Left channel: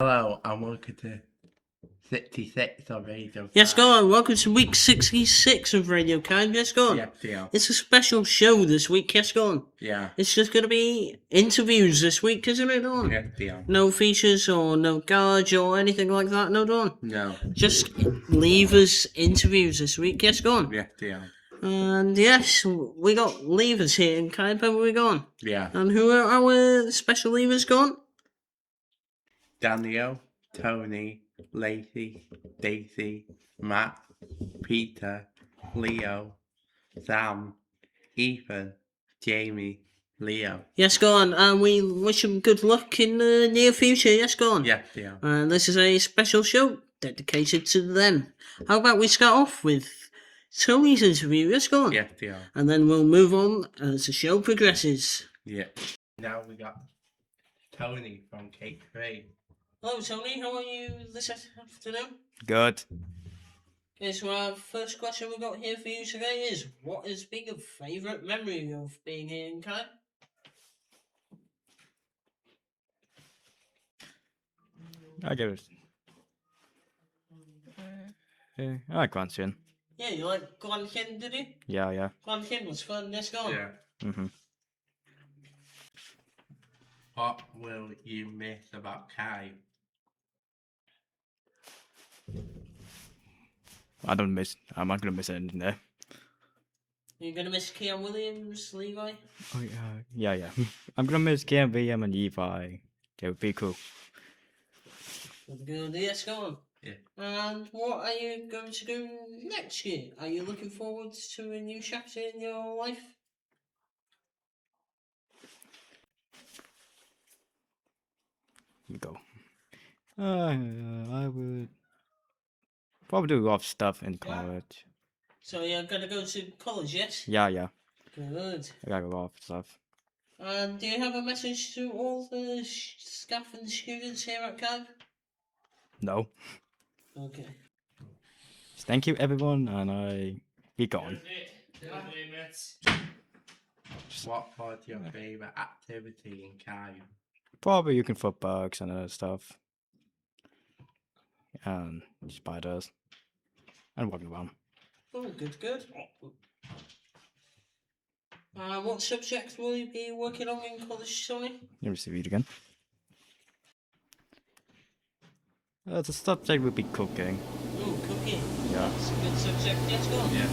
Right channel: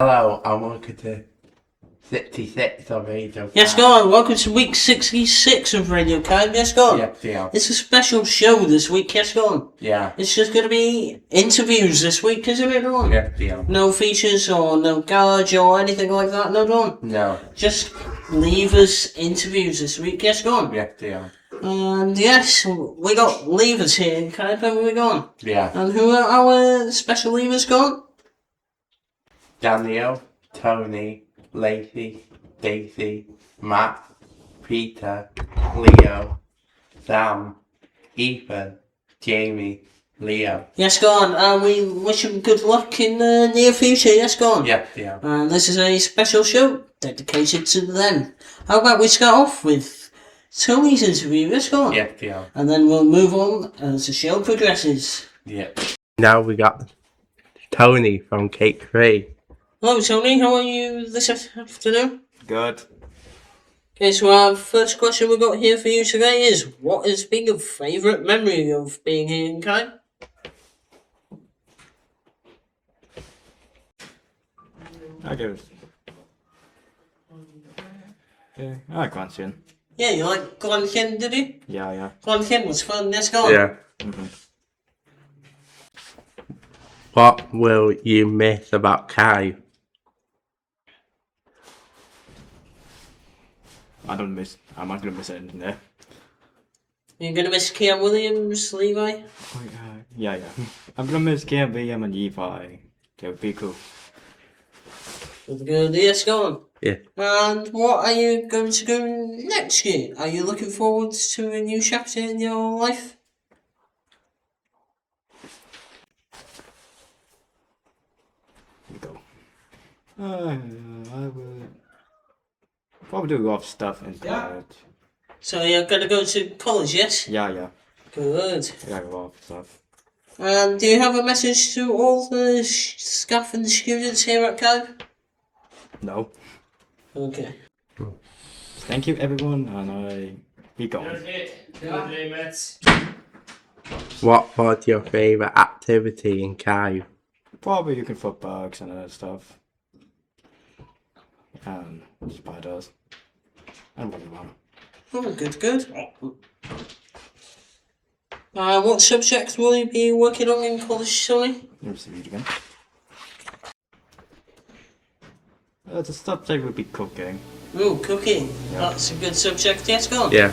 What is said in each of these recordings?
Hello, I'm welcome to 66 of Radio Yes, go on. Welcome to week 66 of Radio Code. Yes, go on. Yeah. It's a special show this week. Yes, go on. Yeah. It's just going to be interviews this week, isn't it, Dawn? Yeah. No features or no garage or anything like that, no, Dawn? No. Just Levers interviews this week. Yes, go on. Yeah. And yes, we got Levers here. Can I tell where we're going? Yeah. And who are our special Levers gone? Daniel, Tony, Lacey, Daisy, Matt, Peter, Leo, Sam, Ethan, Jamie, Leo. Yes, go on. And we wish them good luck in the near future. Yes, go on. Yeah. And this is a special show dedicated to them. How about we start off with Tony's interview? Yes, go on. Yeah. And then we'll move on as the show progresses. Yeah. Now we got Tony from Cake Free. Hello, Tony. How are you this afternoon? Good. Okay, so our first question we got here for you today is, what has been your favourite memory of being here in Kai? I give it. I like Grantian. Yeah, you like Glenken, did you? Yeah. Glenken was fun. Let's go on. Yeah. What will you miss about Kai? I'm not gonna miss anything there. You're going to miss Kean Williams, Levi? Oh yeah. I'm gonna miss Cam, VM, and Levi. They would be cool. Good. Yes, go on. Yeah. And what are you going to do next year? Are you looking forward to a new chapter in your life? Here we go. I would probably do off stuff in college. So you're going to go to college, yes? Yeah. Good. Yeah, go off stuff. And do you have a message to all the staff and students here at COE? No. Okay. Thank you everyone, and I be gone. What was your favourite activity in Kai? Probably you can foot bugs and other stuff. And spiders. And running around. Oh, good. What subjects will you be working on in college, Tony? Let me see it again. The subject would be cooking. Oh, cooking. Yeah. That's a good subject. Yes, go on. Yeah.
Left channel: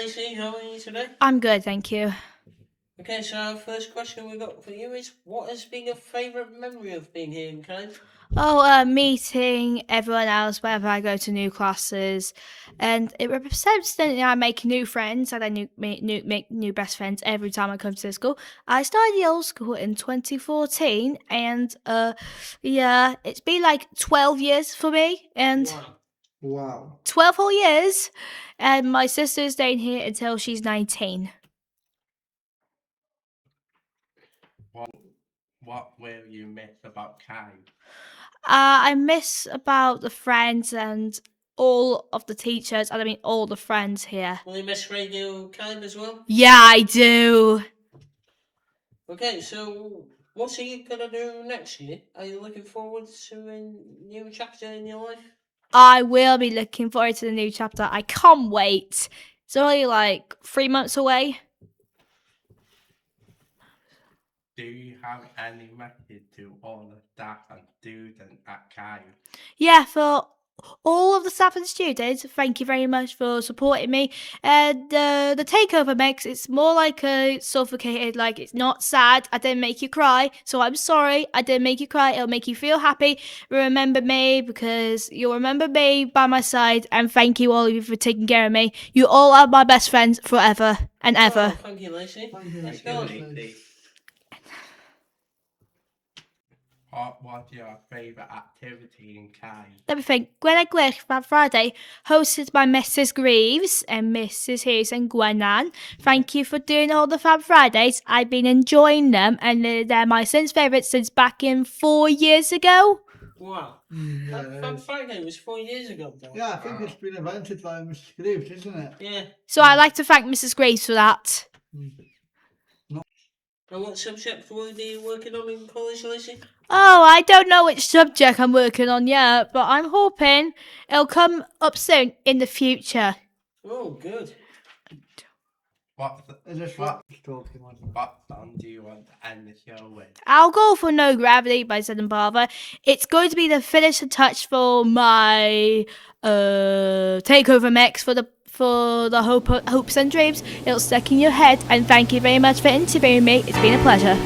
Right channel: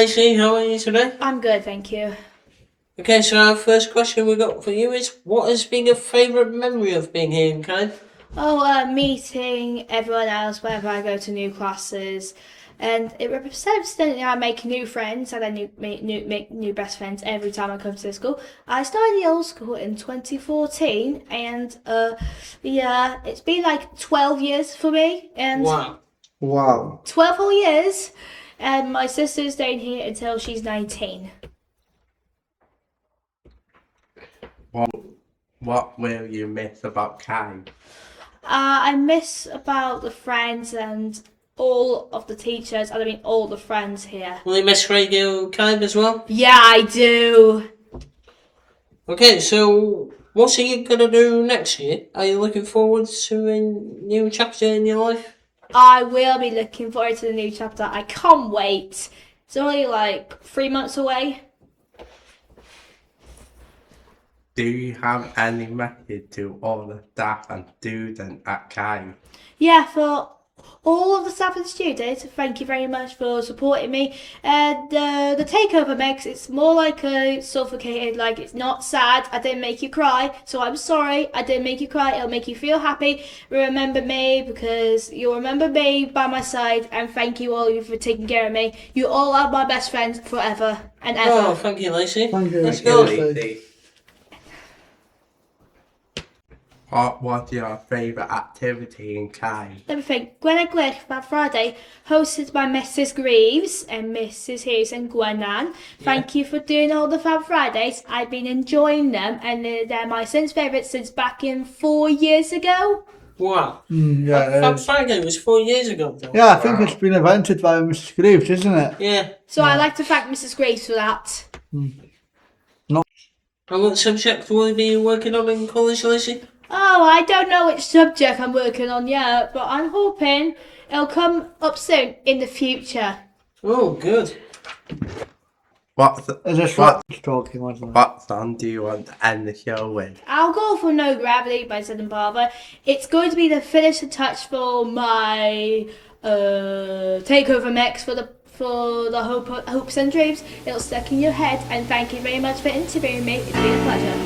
Lacey. How are you today? I'm good, thank you. Okay, so our first question we got for you is, what has been your favourite memory of being here in Kind? Oh, meeting everyone else whenever I go to new classes, and it represents that I make new friends and I make new best friends every time I come to the school. I started the old school in 2014, and yeah, it's been like 12 years for me, and Wow. Wow. 12 whole years, and my sister's staying here until she's 19. What will you miss about Kai? I miss about the friends and all of the teachers, and I mean all the friends here. Will you miss Radio Kind as well? Yeah, I do. Okay, so what are you gonna do next year? Are you looking forward to a new chapter in your life? I will be looking forward to the new chapter. I can't wait. It's only like 3 months away. Do you have any message to all the staff and students at Kai? Yeah, for all of the staff and students, thank you very much for supporting me. And the takeover mix, it's more like a suffocated, like it's not sad. I didn't make you cry, so I'm sorry. I didn't make you cry. It'll make you feel happy. Remember me, because you'll remember me by my side. And thank you all of you for taking care of me. You all are my best friends forever and Oh, ever. thank you, Lacey. Thank you. Let's go. Lacey. What was your favourite activity in Kai? Let me think. Gwen that Friday, hosted by Mrs. Greaves and Mrs. Hughes and Gwenan. Thank you for doing all the Fab Fridays. I've been enjoying them, and they're my since favourites since back in 4 years ago. Wow. Yeah, it Fab is. Friday was 4 years ago, though. Yeah, I think it's been invented by Mrs. Greaves, isn't it? Yeah. So I'd like to thank Mrs. Greaves for that. And what subject will you be working on in college, Lacey? Oh, I don't know which subject I'm working on yet, but I'm hoping it'll come up soon in the future. Oh, good. Is this what talking, wasn't it? What song do you want to end the show with? I'll go for No Gravity by Sid and Barber. It's going to be the finishing touch for my takeover mix for the hopes and dreams. It'll stick in your head, and thank you very much for interviewing me. It's been a pleasure.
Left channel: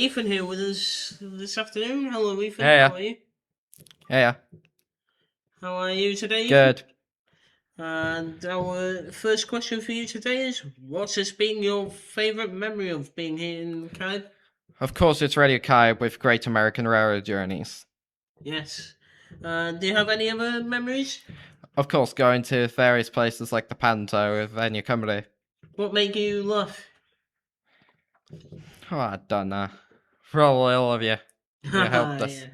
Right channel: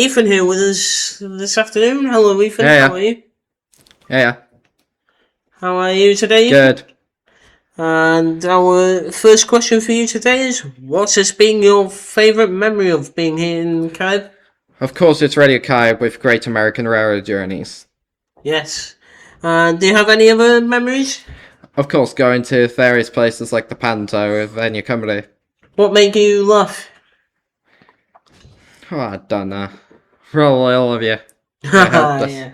Ethan here with us this afternoon. Hello, Ethan. Yeah, yeah. How are you? Yeah, How are you today? good. And our first question for you today is, what has been your favourite memory of being here in Carib? Of course, it's Radio Kai with Great American Railroad Journeys. Yes. And do you have any other memories? Of course, going to various places like the Panto with Enya Company. What make you laugh? Oh, I don't know. Probably all of you. helped us. Yeah.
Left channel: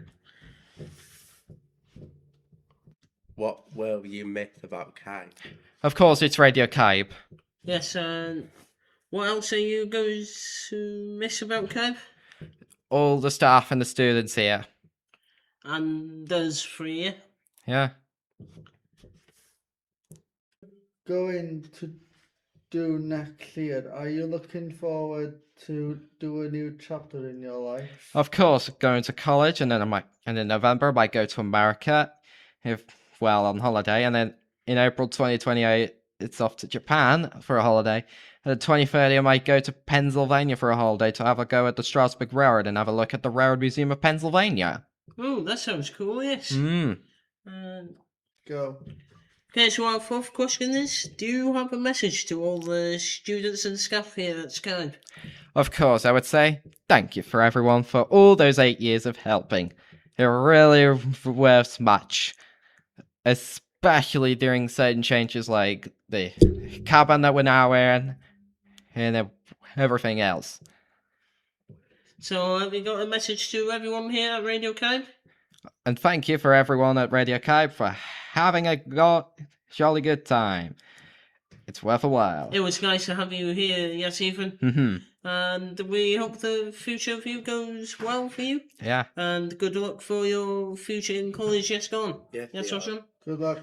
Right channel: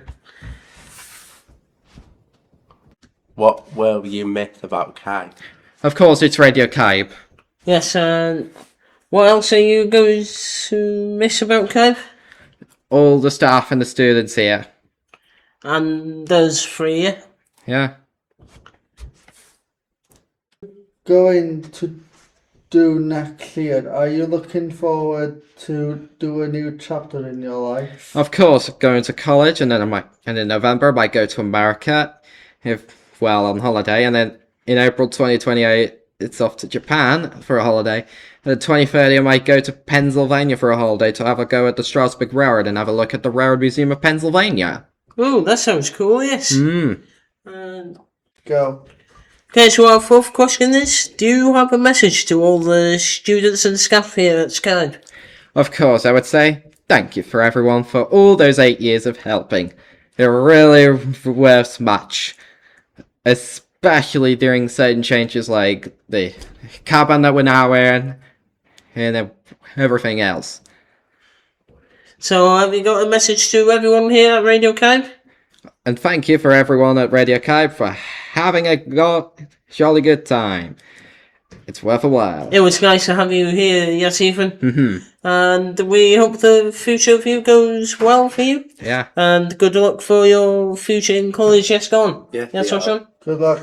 What will you miss about Kai? Of course, it's Radio Kai. Yes, and what else are you going to miss about Carib? All the staff and the students here. And those three, yeah? Yeah. Going to do next year, are you looking forward to do a new chapter in your life? Of course, going to college, and then in November I might go to America, on holiday, and then in April 2028 it's off to Japan for a holiday. And in 2030 I might go to Pennsylvania for a holiday to have a go at the Strasbourg Railroad and have a look at the Railroad Museum of Pennsylvania. Oh, that sounds cool, yes. Mm. Go. Okay, so our fourth question is, do you have a message to all the students and staff here at Skyline? Of course, I would say thank you for everyone for all those 8 years of helping. It really was much. Especially during certain changes like the cabin that we're now wearing and everything else. So have you got a message to everyone here at Radio Kai? And thank you for everyone at Radio Kai for having a jolly good time. It's worth a while. It was nice to have you here, yes, Ethan. Mm-hmm. And we hope the future of you goes well for you. Yeah. And good luck for your future in college, yes, go on. Yeah, Yes, yeah. Sean? Good luck.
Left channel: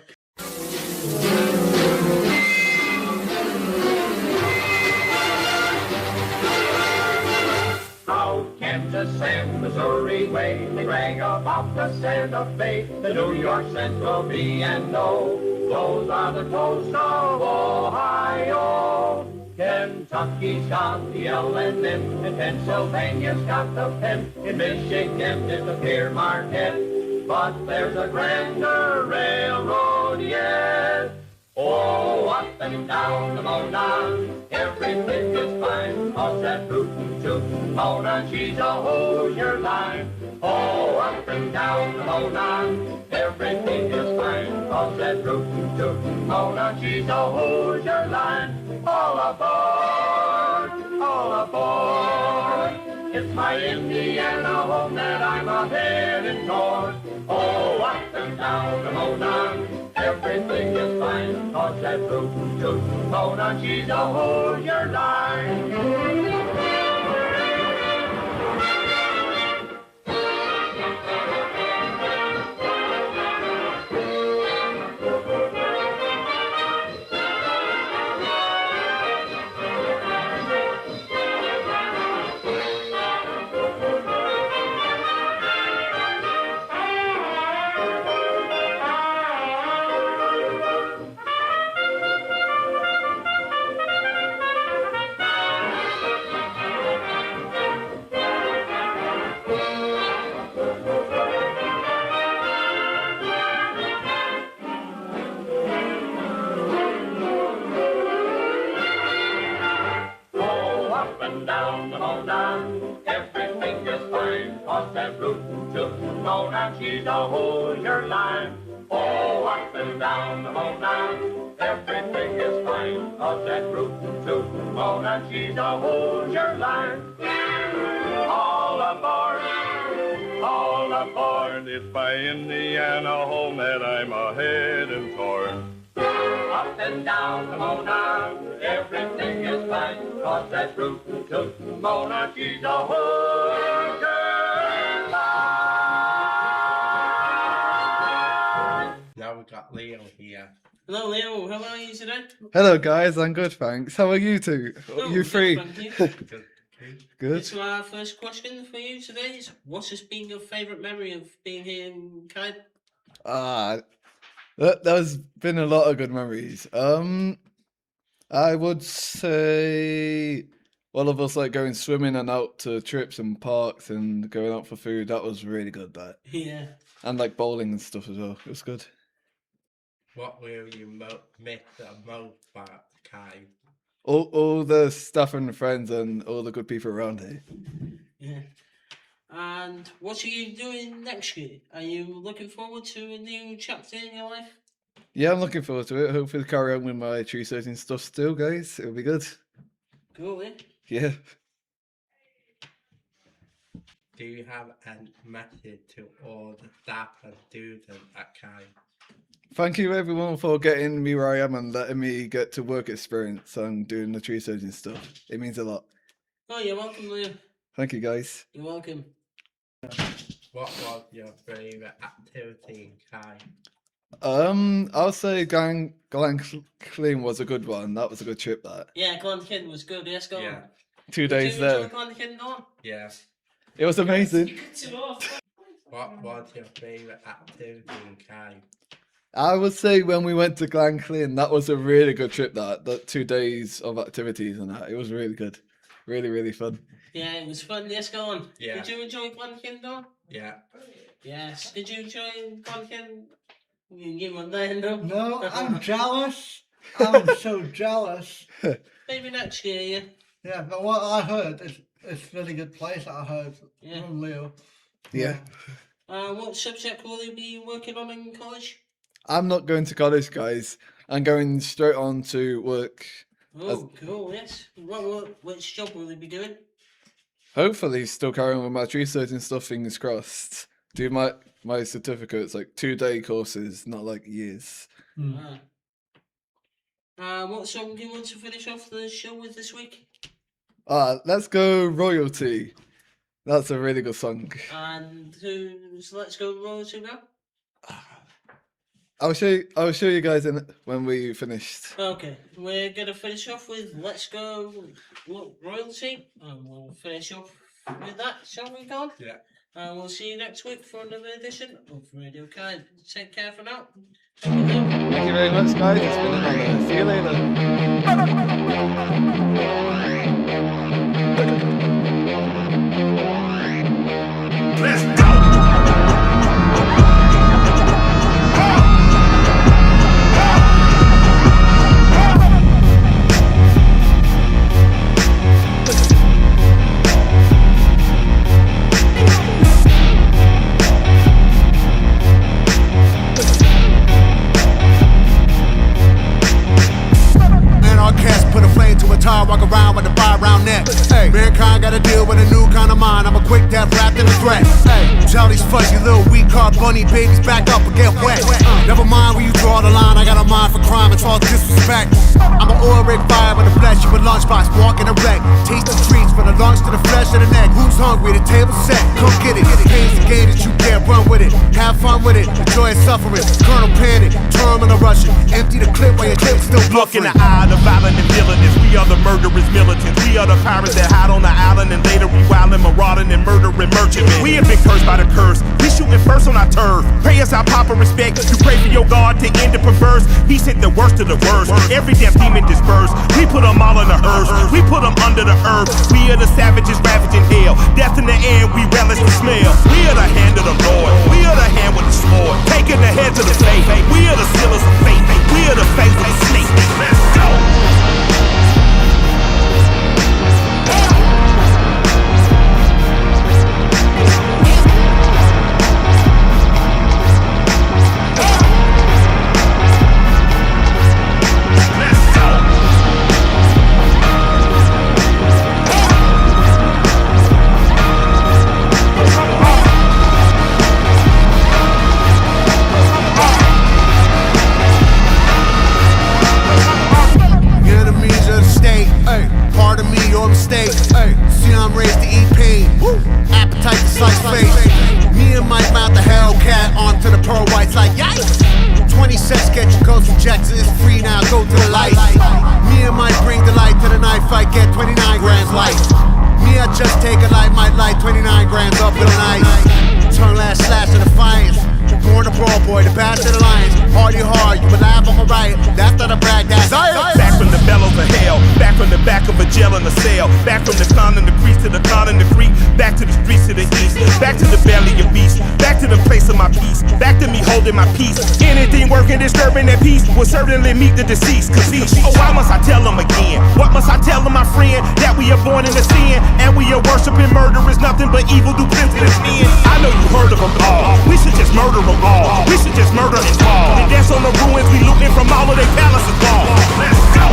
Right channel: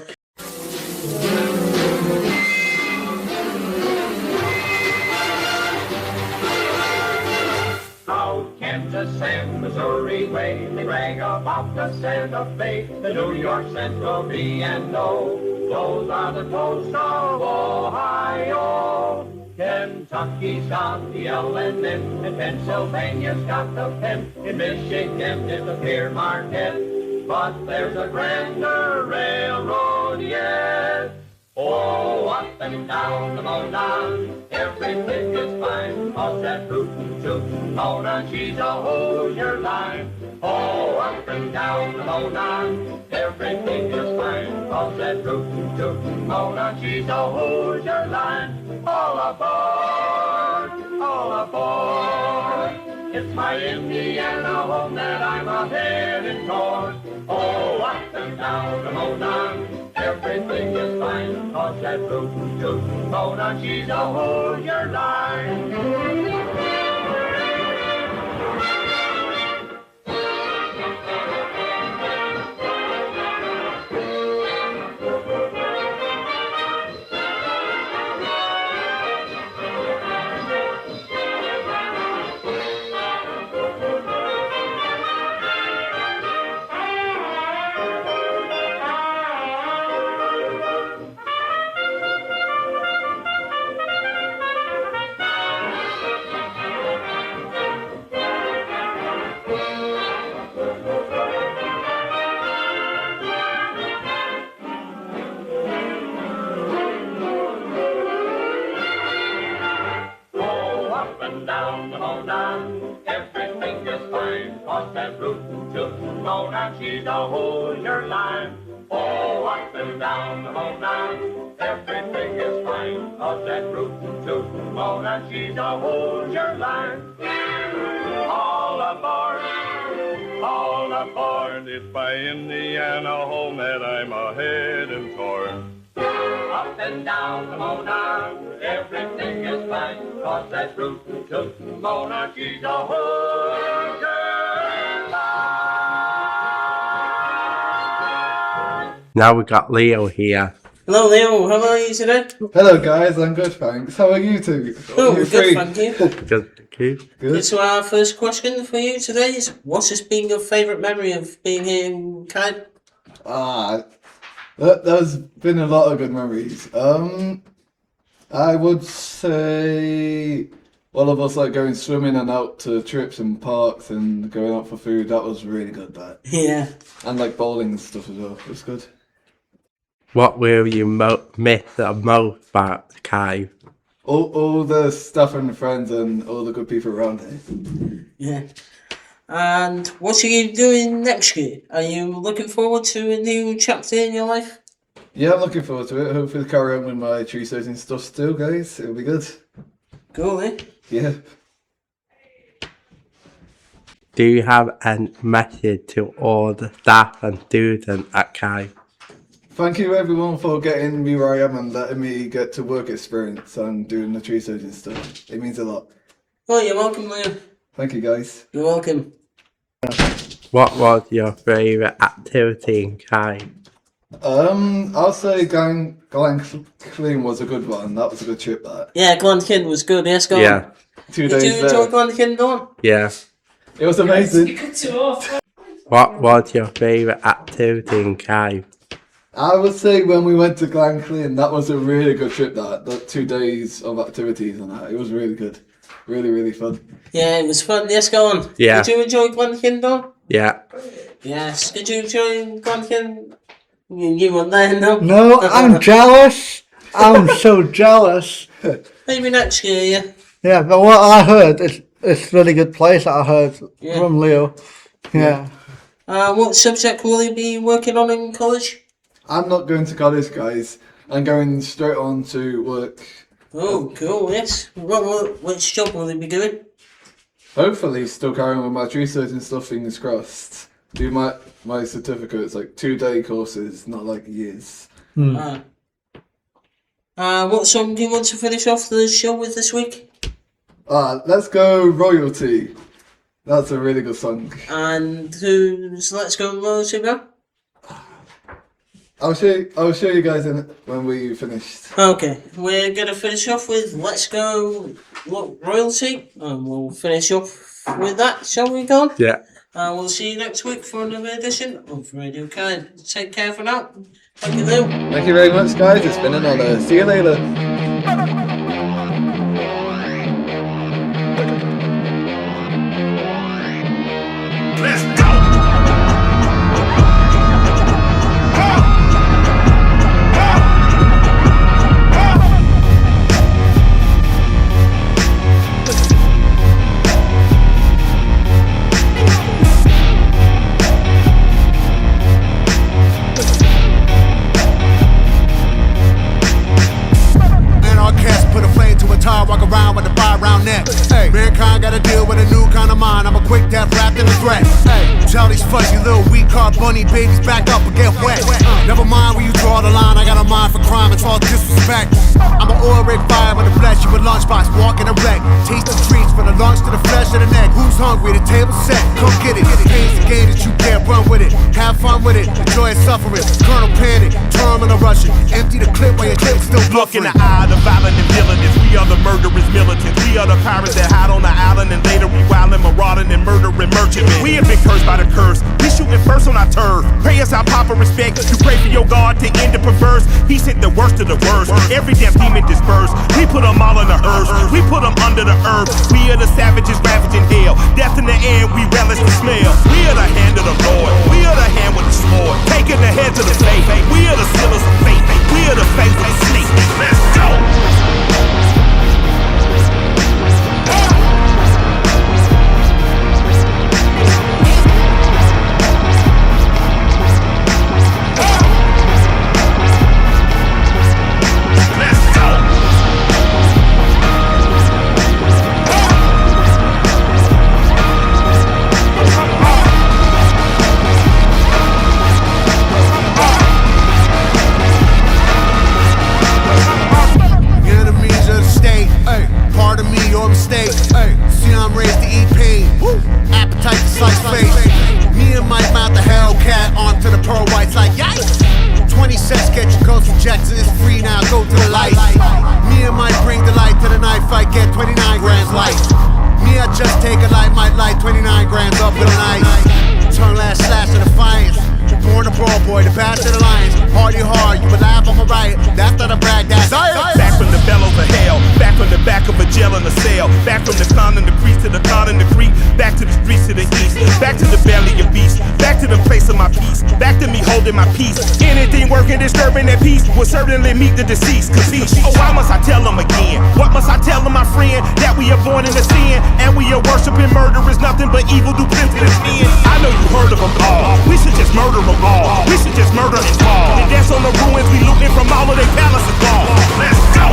Out Kansas and Missouri way, they rang about the Santa Fe, the New York Central B&O. Those are the coast of Ohio. Kentucky's got the L&M, and Pennsylvania's got the Penn. In Michigan it's the Pier Marquette, but there's a grander railroad yet. Oh, up and down the Monon, everything is fine, 'cause that rootin' tootin' Mona, she's a Hoosier line. Oh, up and down the Monon, everything is fine, 'cause that rootin' tootin' Mona, she's a Hoosier line. All aboard, all aboard. It's my Indiana home that I'm a-heading toward. Oh, up and down the Monon, everything is fine, 'cause that rootin' tootin' Mona, she's a Hoosier line. Down the Monon, everything is fine, 'cause that rootin' tootin' Mona, she's a Hoosier line. Oh, up and down the Monon, everything is fine, 'cause that rootin' tootin' Mona, she's a Hoosier line. All aboard, it's by Indiana home that I'm a-heading toward. Up and down the Mona, everything is fine, 'cause that rootin' tootin' Mona, she's a Hoosier line. Now we got Leo here. Hello, Leo. How are you today? Hello guys, I'm good thanks. How are you two? Oh, you good, three? thank you. Good, thank you. Good. So our first question for you today is, what has been your favourite memory of being here in Kai? There's been a lot of good memories. I would say all of us like going swimming and out to trips and parks and going out for food. That was really good. That Yeah. and like bowling and stuff as well. It was good. What will you miss the most about the cave? All the staff and friends and all the good people around here. Yeah. And what are you doing next year? Are you looking forward to a new chapter in your life? Yeah, I'm looking forward to it. Hopefully carry on with my tree searching stuff still, guys. It'll be good. Cool, eh? Yeah. Do you have a message to all the staff and students at cave? Thank you everyone for getting me where I am and letting me get to work experience and doing the tree searching stuff. It means a lot. Oh, you're welcome, Liam. Thank you guys. You're welcome. What was your favourite activity in cave? I'll say Glen Clean was a good one. That was a good trip. That Yeah, Glenkin was good. Yes, go on. Yeah, 2 Did days you enjoy there. Glenkin, Dawn? yeah. It was amazing. What was your favourite activity in cave? I would say when we went to Glen Clean, that was a really good trip. That 2 days of activities and that, it was really good, really fun. Yeah, it was fun. Yes, go on. Yeah. Did you enjoy Glenkin, Dawn? Yeah, Yes. Did you enjoy Glenkin? You weren't there, no? No, I'm jealous. I'm so jealous. Maybe next year, yeah. Yeah, but what I heard is it's a really good place that I heard Yeah. from Leo. Yeah. What subject will you be working on in college? I'm not going to college, guys. I'm going straight on to work. Oh, cool, yes. Which job will you be doing? Hopefully, still carrying with my tree searching stuff. Fingers crossed. Do my certificates like 2-day courses, not like years. What song do you want to finish off the show with this week? Let's go Royalty. That's a really good song. And who's Let's Go Royalty now? I'll show you guys in it when we finished. Okay, we're gonna finish off with Let's Go Royalty, and we'll finish off with that, shall we, Don? yeah. We'll see you next week for another edition of Radio Kind. Take care for now. Thank you, Lou. Thank you very much, guys. It's been an honor. See you later. Anarchist, put a flame to a tar, walk around with a 5-round neck. Hey, mankind gotta deal with a new kind of mind. I'm a quick death wrapped in a threat. Hey, tell these fuzzy little weak car bunny babies back up and get wet. Never mind where you draw the line. I got a mind for crime and all disrespect. I'm an oil rig fire with a flesh, you a lunchbox, walking erect. Taste the treats from the lunch to the flesh of the neck. Who's hungry? The table set. Come get it. Game's the game that you can't run with it. Have fun with it. Enjoy suffering. Colonel Panic, terminal Russian. Empty the clip while your clip's still Look in buffering. the eye of the violent and villainous. We are the murderous militants. We are the pirates that hide on the island and later we wildin', marauding and murdering merchantmen. We have been cursed by the curse. We shooting first on our turf. Pray us our proper respect. You pray for your God to end the perverse. He sent the worst of the worst. Every damn demon dispersed. We put them all in the hearse. We put them under the earth. We are the savages ravaging hell. Death in the end, we relish the smell. We are the hand of the Lord. We are the hand with the sword. Taking the head to the faith. We are the sealers of faith. We are the faith of the snake. Let's go. Enemies of the state, ay, pardon me your mistake, ay, see I'm raised to eat pain, woo, appetite to slice face. Me and Mike mount the Hellcat onto the pearl whites like yikes. 20 cents get your ghost rejected, it's free now, go to the light. Me and Mike bring the light to the knife fight, get 29 grams light. Me I just take a light, might light 29 grams up in the night. Turn last slash of defiance. Born a brawl boy, the best of the lions. Hardy hard, you alive, I'm a riot. That's not a brag, that's Back from the bellows of hell, back from the back back of a jail in a cell. Back from the con and the crease to the con and the creek. Back to the streets to the east. Back to the belly of beast. Back to the place of my peace. Back to me holding my peace. Anything working, disturbing that peace will certainly meet the deceased. Cause oh, why must I tell them again? What must I tell them, my friend? That we are born into sin and we are worshiping murder is nothing but evil do plenty of sin. I know you heard of them all. We should just murder them all. We should just murder and fall. And dance on the ruins we looting from all of their palaces fall. Let's go!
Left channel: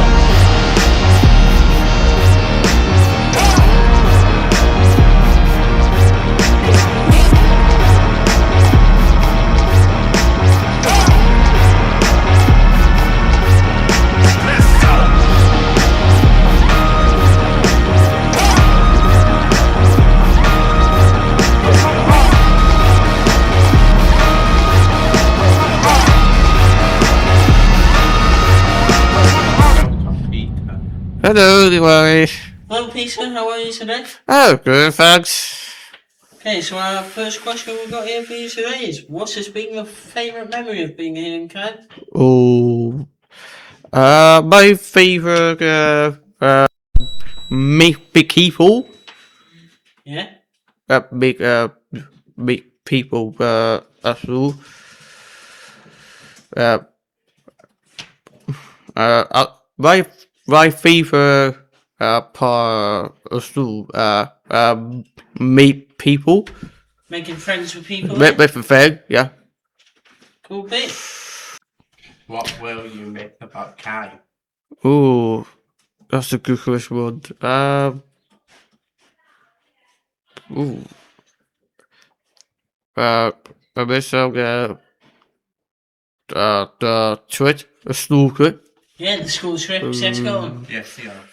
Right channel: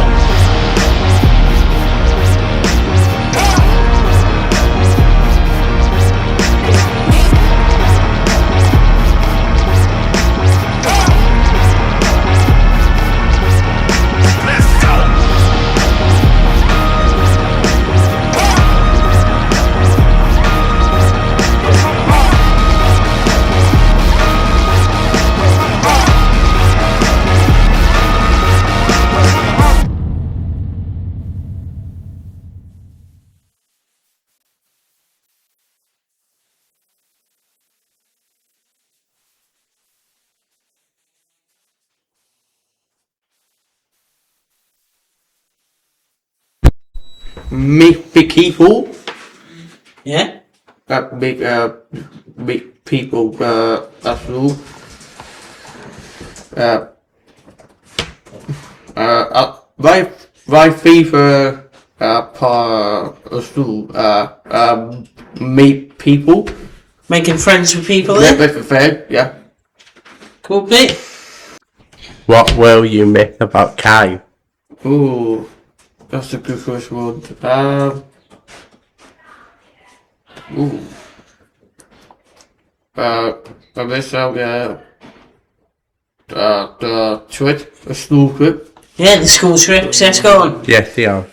Hello, Diwali. Hello, Peter. How are you today? Oh, good, thanks. Okay, so our first question we've got here for you today is, what has been your favourite memory of being here in Cannes? Oh, my favorite, meet big people. Yeah? Big people, as well. My favorite, part as well, meet people. Making friends with people, With a friend, yeah. Cool, Pete. What will you miss about Kai? Ooh, that's a good question. I miss out the trip, the school trip. Yeah, the school trips, that's gone. Yes, yeah.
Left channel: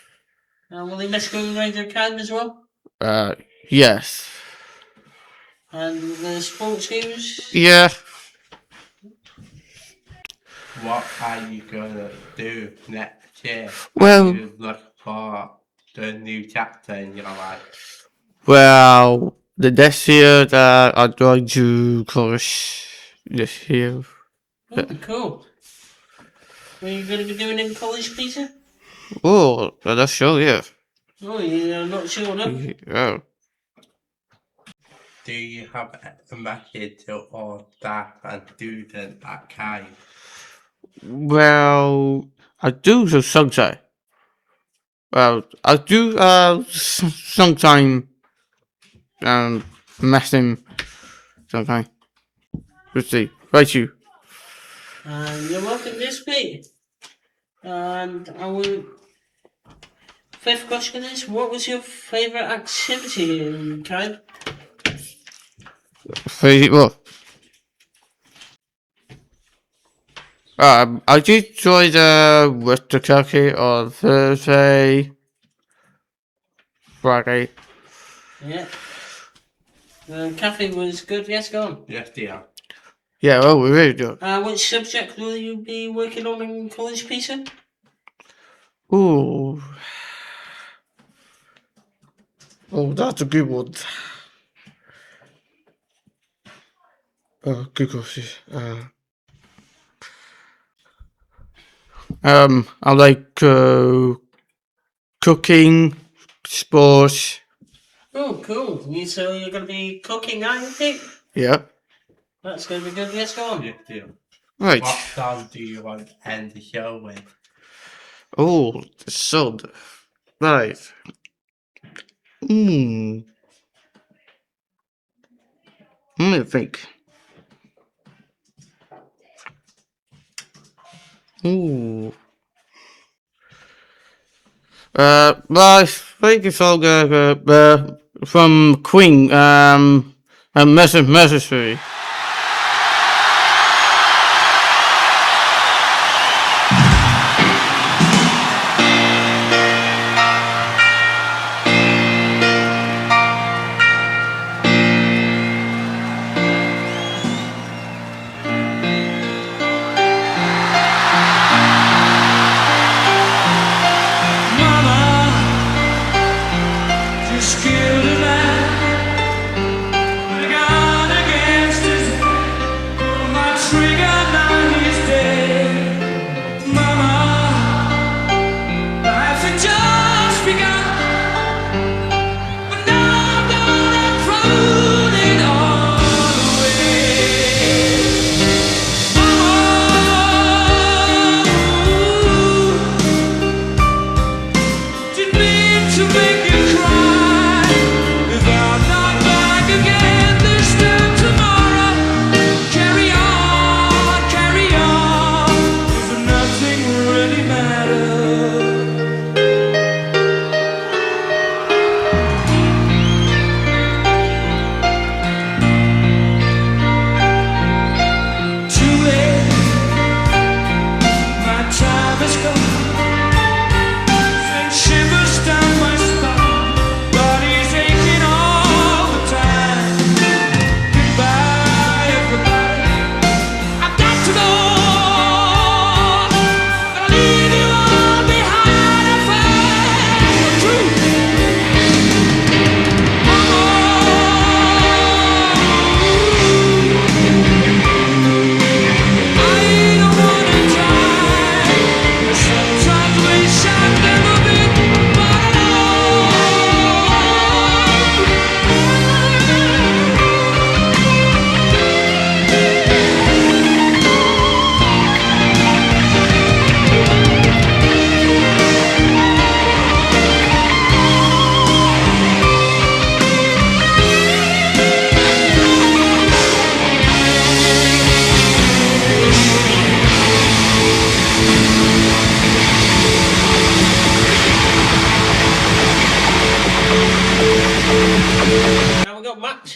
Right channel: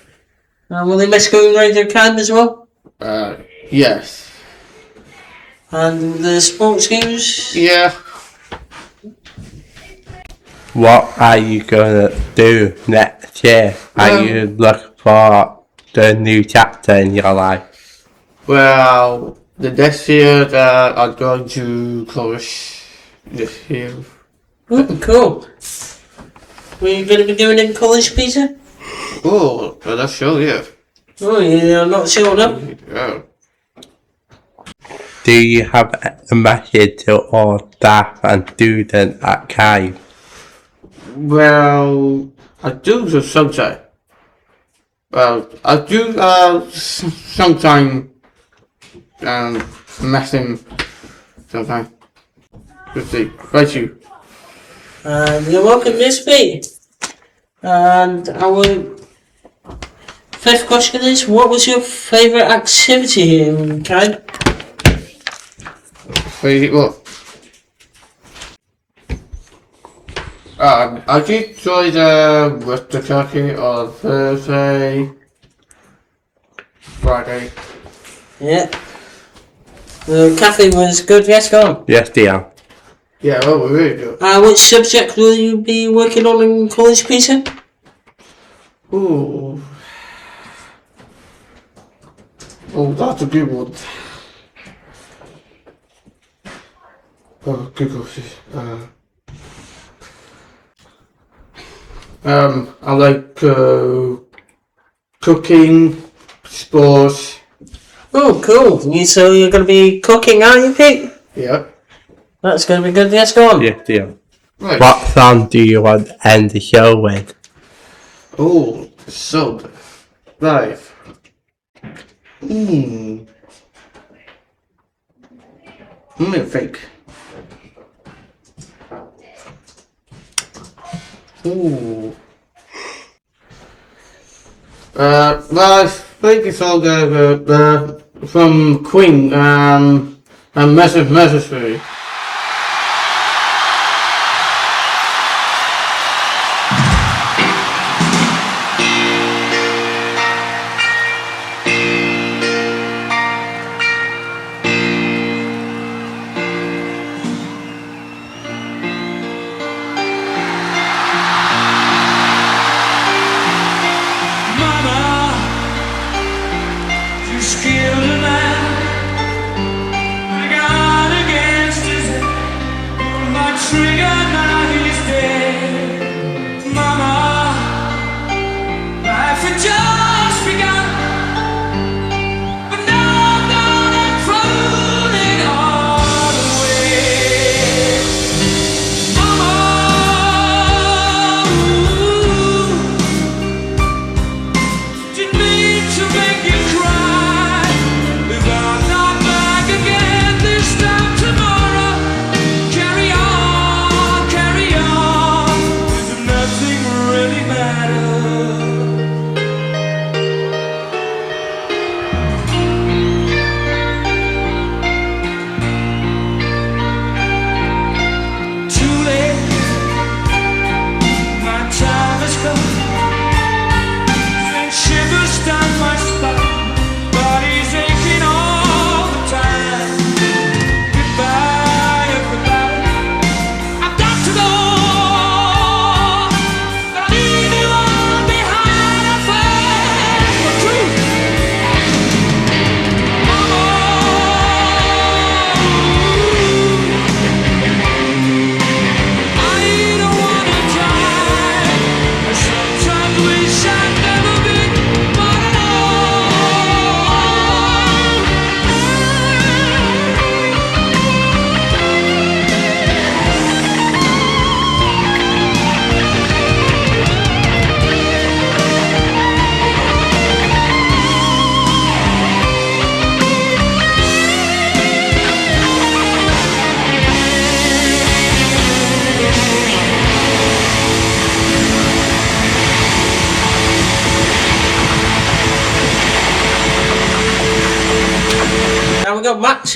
Will they miss going around their camp as well? Yes. And the sports games? Yeah. What are you gonna do next year? Are you looking for the new chapter in your life? Well, the next year that I'm going to college this year. Oh, cool. What are you going to be doing in college, Peter? Oh, that's sure, yeah. Oh, yeah, I'm not sure, no. Yeah. Do you have a message to all staff and students at Kai? Well, I do sometimes. Well, I do sometimes messing sometimes. Let's see. Right, you. You're welcome, Miss Pete. And our fifth question is, what was your favourite activity here in Cannes? Well, I did enjoy the Western Turkey on Thursday, Friday. Yeah. The cafe was good, yes, go on. Yes, dear. Yeah, well, we really do. Which subject will you be working on in college, Peter? Ooh. Oh, that's a good one. Oh, good question. I like cooking, sports. Oh, cool. So you're going to be cooking, aren't you, Pete? Yeah. That's going to be good, yes, go on. Yes, dear. Right. What song do you want to end the show with? Oh, so live. Let me think. Ooh. Well, I think it's all good, from Queen, and Necessary. Just killed a man with a gun against his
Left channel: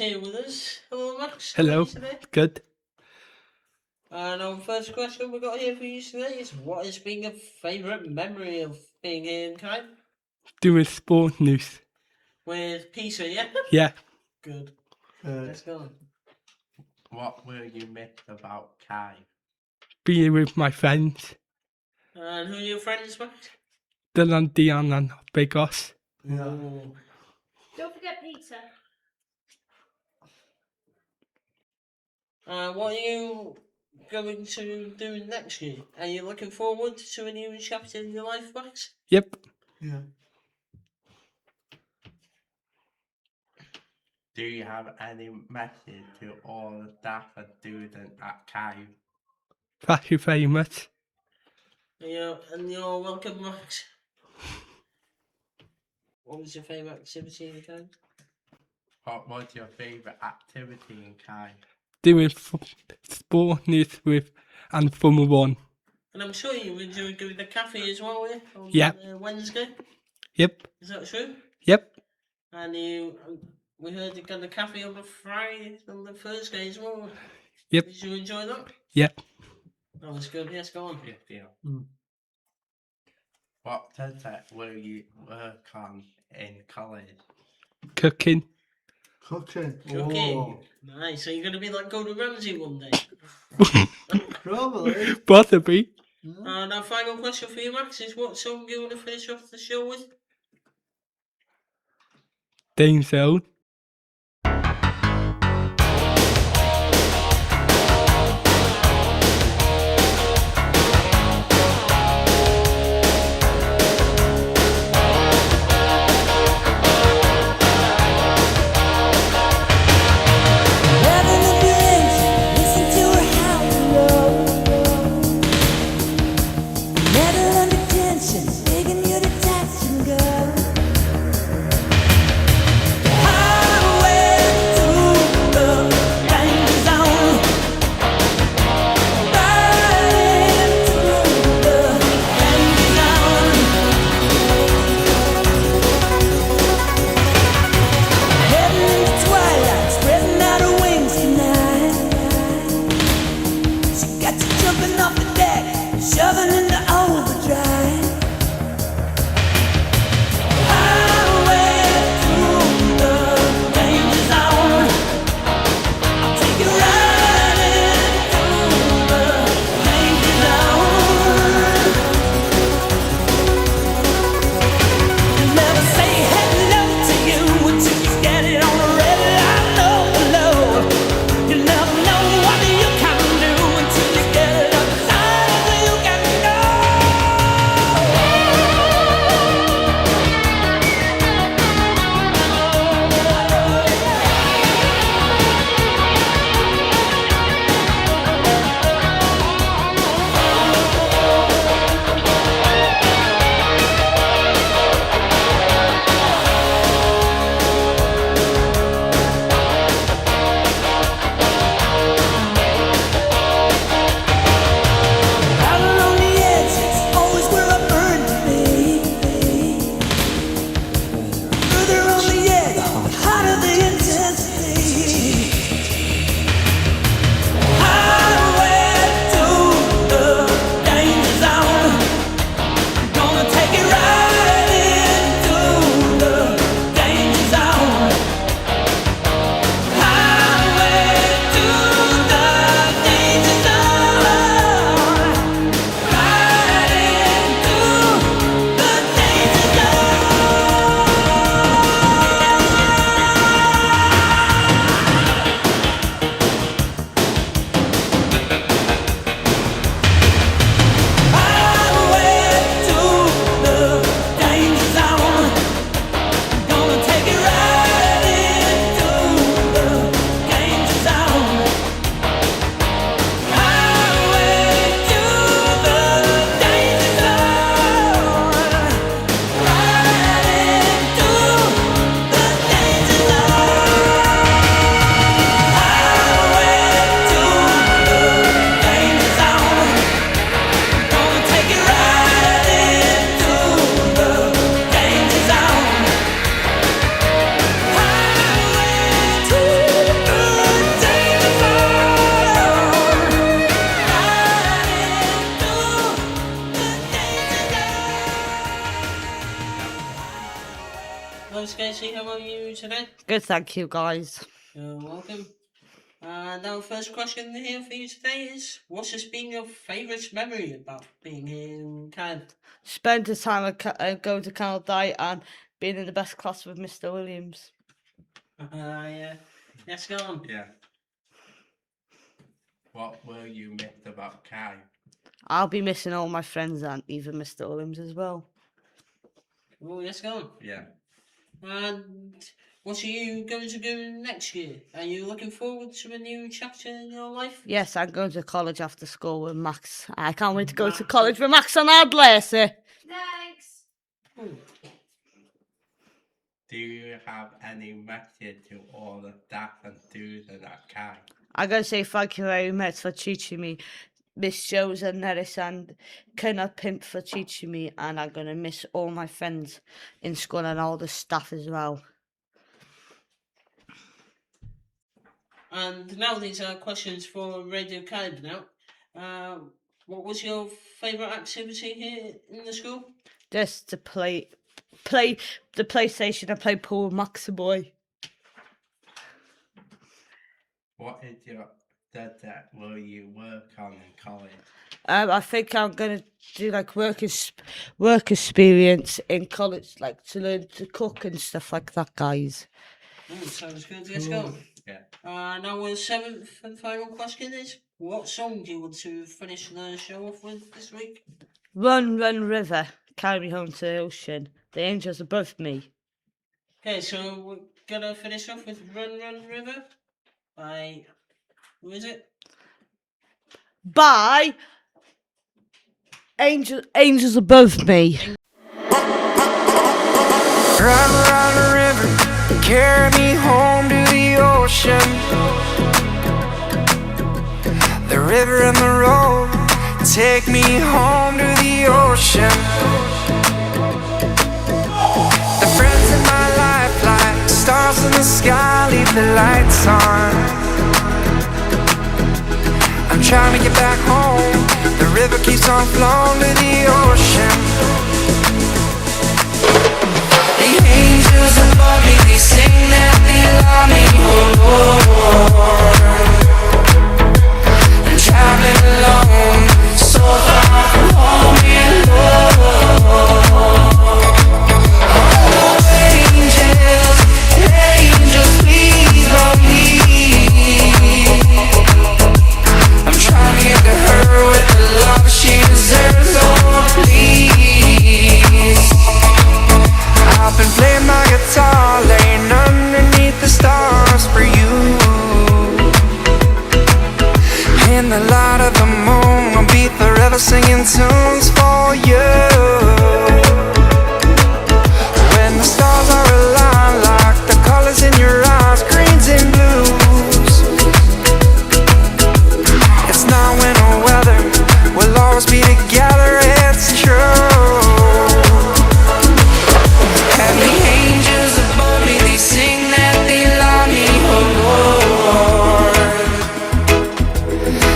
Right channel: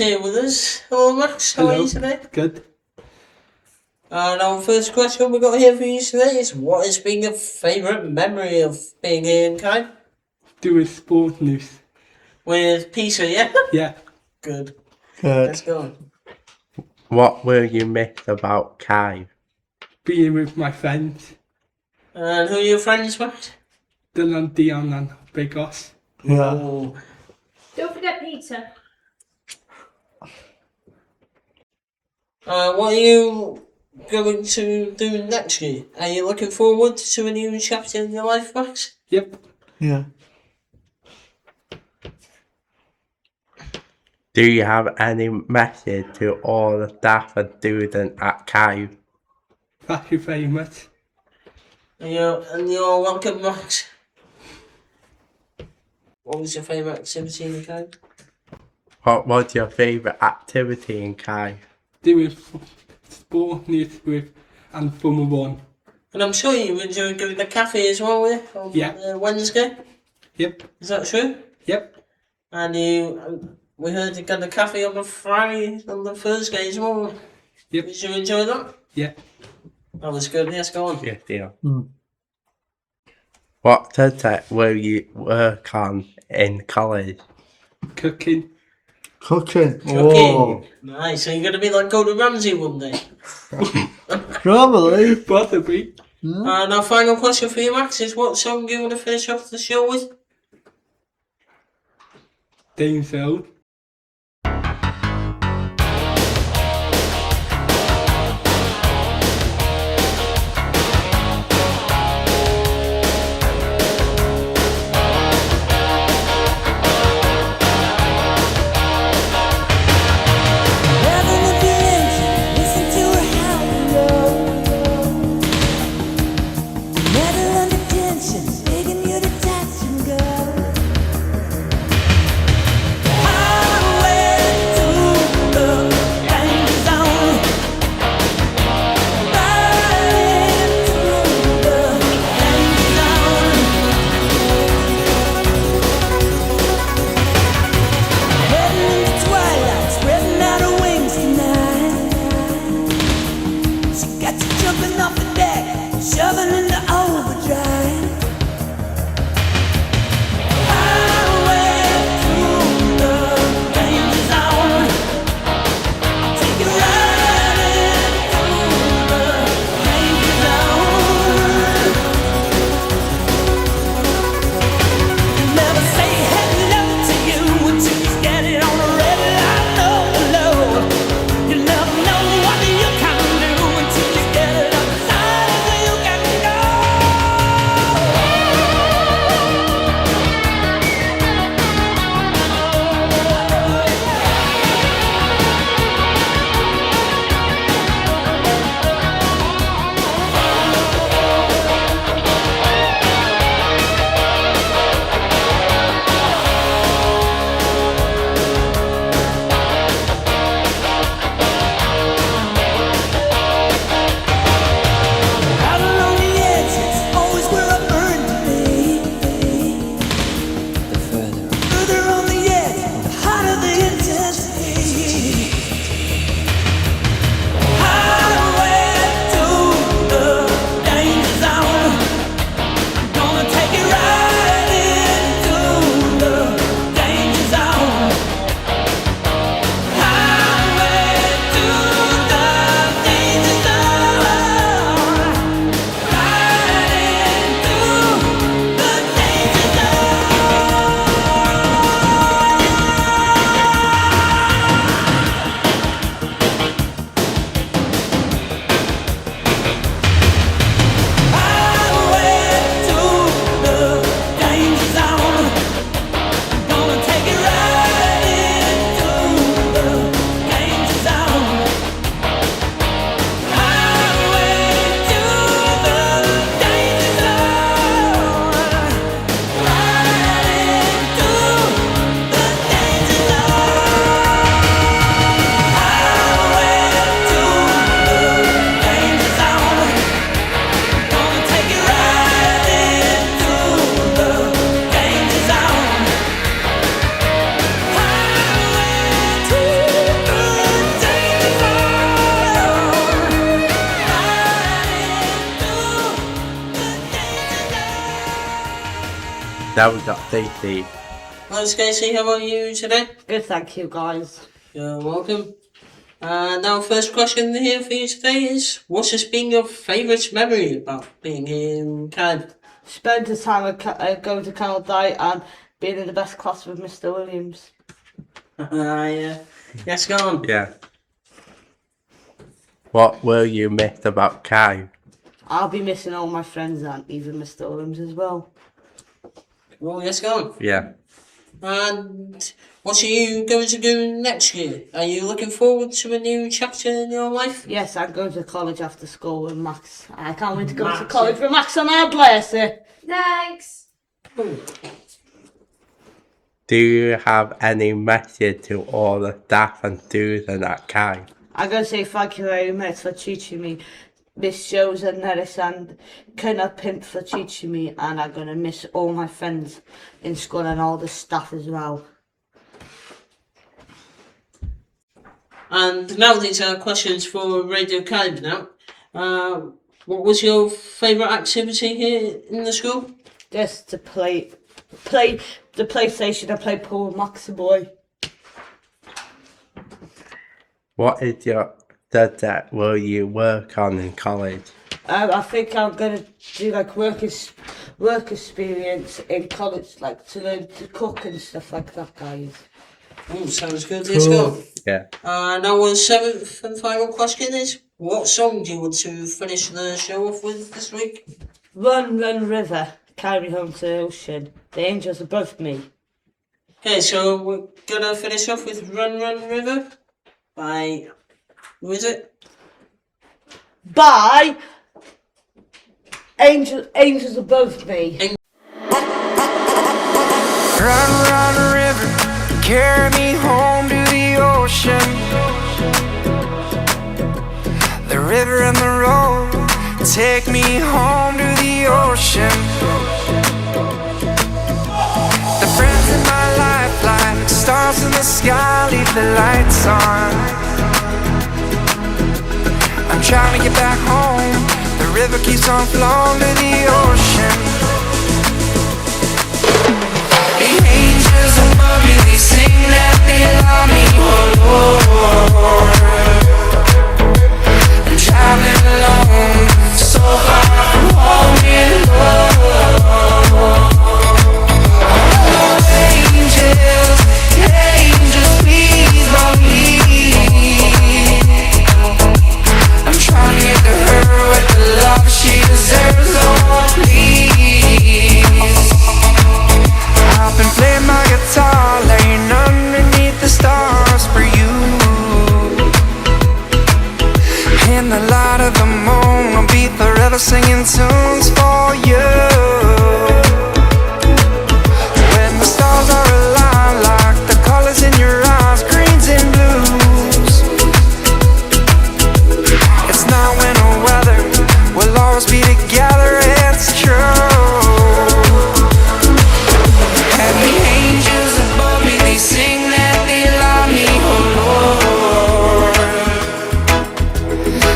here with us. Hello, Max. How are you today? Good. And our first question we got here for you today is, what has been your favourite memory of being here in Kai? Doing sport news. With Peter, yeah? Yeah. Good. Good. Let's go. What will you miss about Kai? Being with my friends. And who are your friends, Max? Dylan, Dion and Big Os. Yeah. Ooh. Don't forget Peter. What are you going to do next year? Are you looking forward to a new chapter in your life, Max? Yep. Yeah. Do you have any message to all the staff and students at Kai? Thank you very much. And you're welcome, Max. What was your favourite activity in the Kai? What was your favourite activity in Kai? Doing sport news with and Formula 1. And I'm sure you enjoyed going to the cafe as well, yeah? On Yeah. Wednesday? Yep. Is that true? Yep. And we heard you got the cafe on the Friday, on the Thursday as well. Yep. Did you enjoy that? Yep. That was good, yes, go on. Yes, yeah. Mm. What subject will you work on in college? Cooking. Cooking. Cooking. Oh. Nice, so you're going to be like Gordon Ramsay one day. Probably. Possibly. And our final question for you, Max, is what song do you want to finish off the show with? Danger Zone. now we got Stacey. Hello, Stacey. How are you today? Good, thank you, guys. You're welcome. Now, first question here for you today is: what's just been your favourite memory about being here in Cardiff? Spent the time at going to Canada and being in the best class with Mr. Williams. Yeah. Yes, go on. Yeah. What will you miss about Kai? I'll be missing all my friends and even Mr. Williams as well. Well, yes, go on. Yeah. And what are you going to do next year? Are you looking forward to a new chapter in your life? Yes, I'm going to college after school with Max. I can't wait to go to college with Max and I'll bless it. Thanks. Do you have any message to all the staff and students at Kai? I'm going to say thank you very much for teaching me, Miss Jones and Nellis and Colonel Pimp for teaching me, and I'm going to miss all my friends in school and all the staff as well. And now these are questions for Radio Cardiff now. What was your favourite activity here in the school? Just to play the PlayStation and play pool with Max boy. What is your subject will you work on in college? I think I'm gonna do like work experience in college, like to learn to cook and stuff like that, guys. Oh, sounds good. Let's go. Yeah. Now our seventh and final question is: what song do you want to finish the show off with this week? Run, run, river, carry me home to the ocean. The angels above me. Okay, so we're gonna finish off with Run Run River by, who is it? By angels above me. Run, run, river, carry me home to the ocean. The river and the road take me home to the ocean. The friends in my life like stars in the sky, leave the lights on. I'm trying to get back home. The river keeps on flowing to the ocean. The angels above me, they sing that they love me, oh Lord. I'm traveling alone, so far from home and Lord. Oh, angels, angels, please love me. I'm trying to get to her with the love she deserves, Lord, please. I've been playing my guitar, laying underneath the stars for you. In the light of the moon, I'll be forever singing tunes for you. When the stars are aligned like the colors in your eyes, greens and blues. It's not winter weather, we'll always be together, it's true. And the angels above me, they sing that they love me, oh Lord.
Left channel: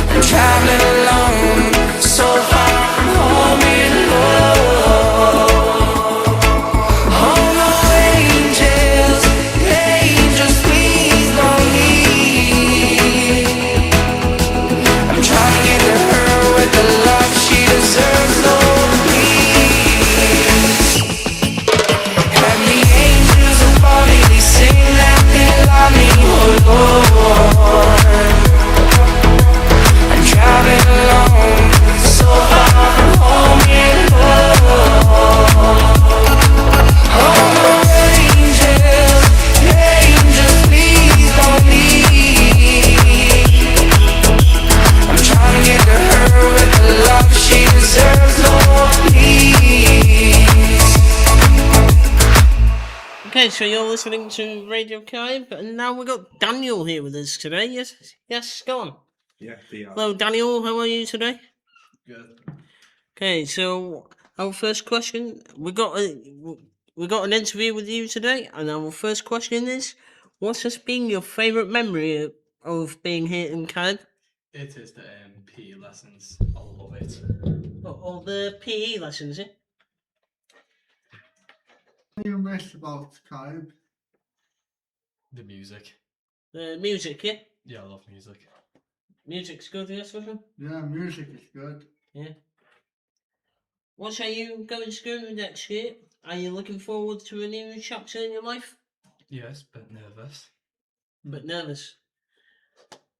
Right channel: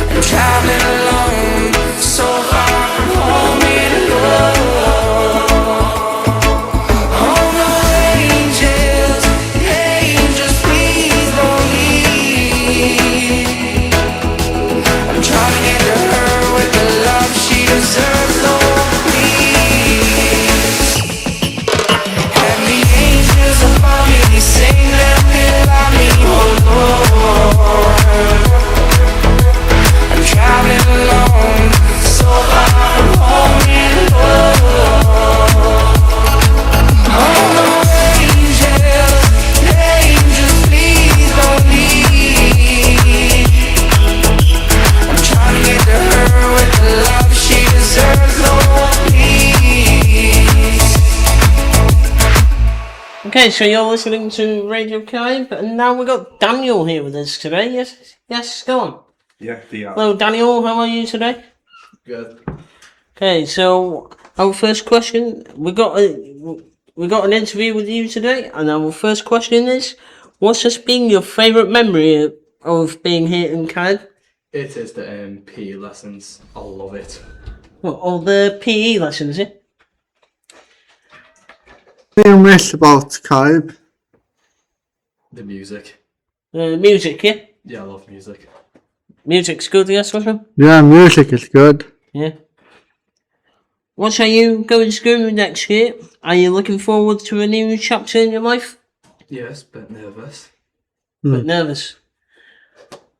I'm traveling alone, so far from home and Lord. Oh no, angels, angels, please don't leave. I'm trying to get to her with the love she deserves, Lord, please. And the angels above me, they sing that they love me, oh Lord. I'm traveling alone, so far from home and Lord. Oh no, angels, angels, please don't leave. I'm trying to get to her with the love she deserves, Lord, please. Okay, so you're listening to Radio Cardiff, and now we've got Daniel here with us today. Yes, go on. Yeah, Hello, Daniel. How are you today? Good. Okay, so our first question, we got an interview with you today, and our first question is: what's just been your favourite memory of being here in Cardiff? It is the PE lessons. I love it. What, all the PE lessons, yeah? What do you miss about Skype? The music. Music, yeah? Yeah, I love music. Music's good, yes, Russell? Yeah, music is good. Yeah. What are you going to do next year? Are you looking forward to a new chapter in your life? Yes, but nervous. But nervous.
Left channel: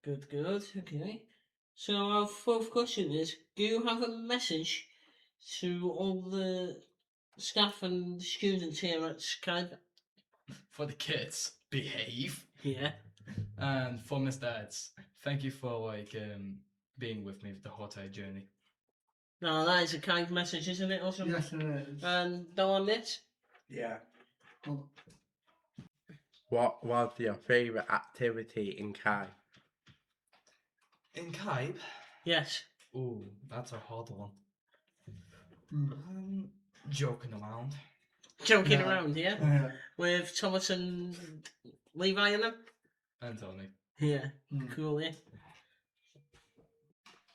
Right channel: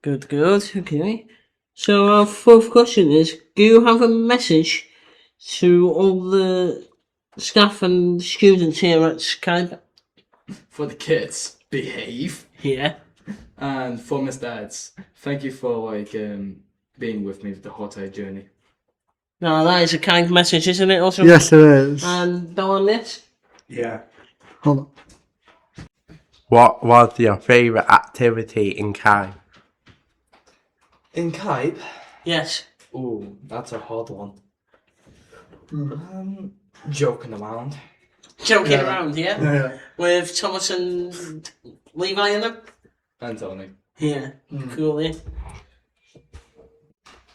Good, okay. So our fourth question is, do you have a message to all the staff and students here at Skype? For the kids, behave. Yeah. And for Miss Dads, thank you for being with me the whole entire journey. No, that is a kind message, isn't it, also? Yes, it is. And Bill on this? Yeah. Hold on. What was your favourite activity in Kai? In Kype? Yes. Ooh, that's a hard one. Joking around. Joking around, yeah? Yeah. With Thomas and Levi in them? And Tony. Yeah, cool, yeah.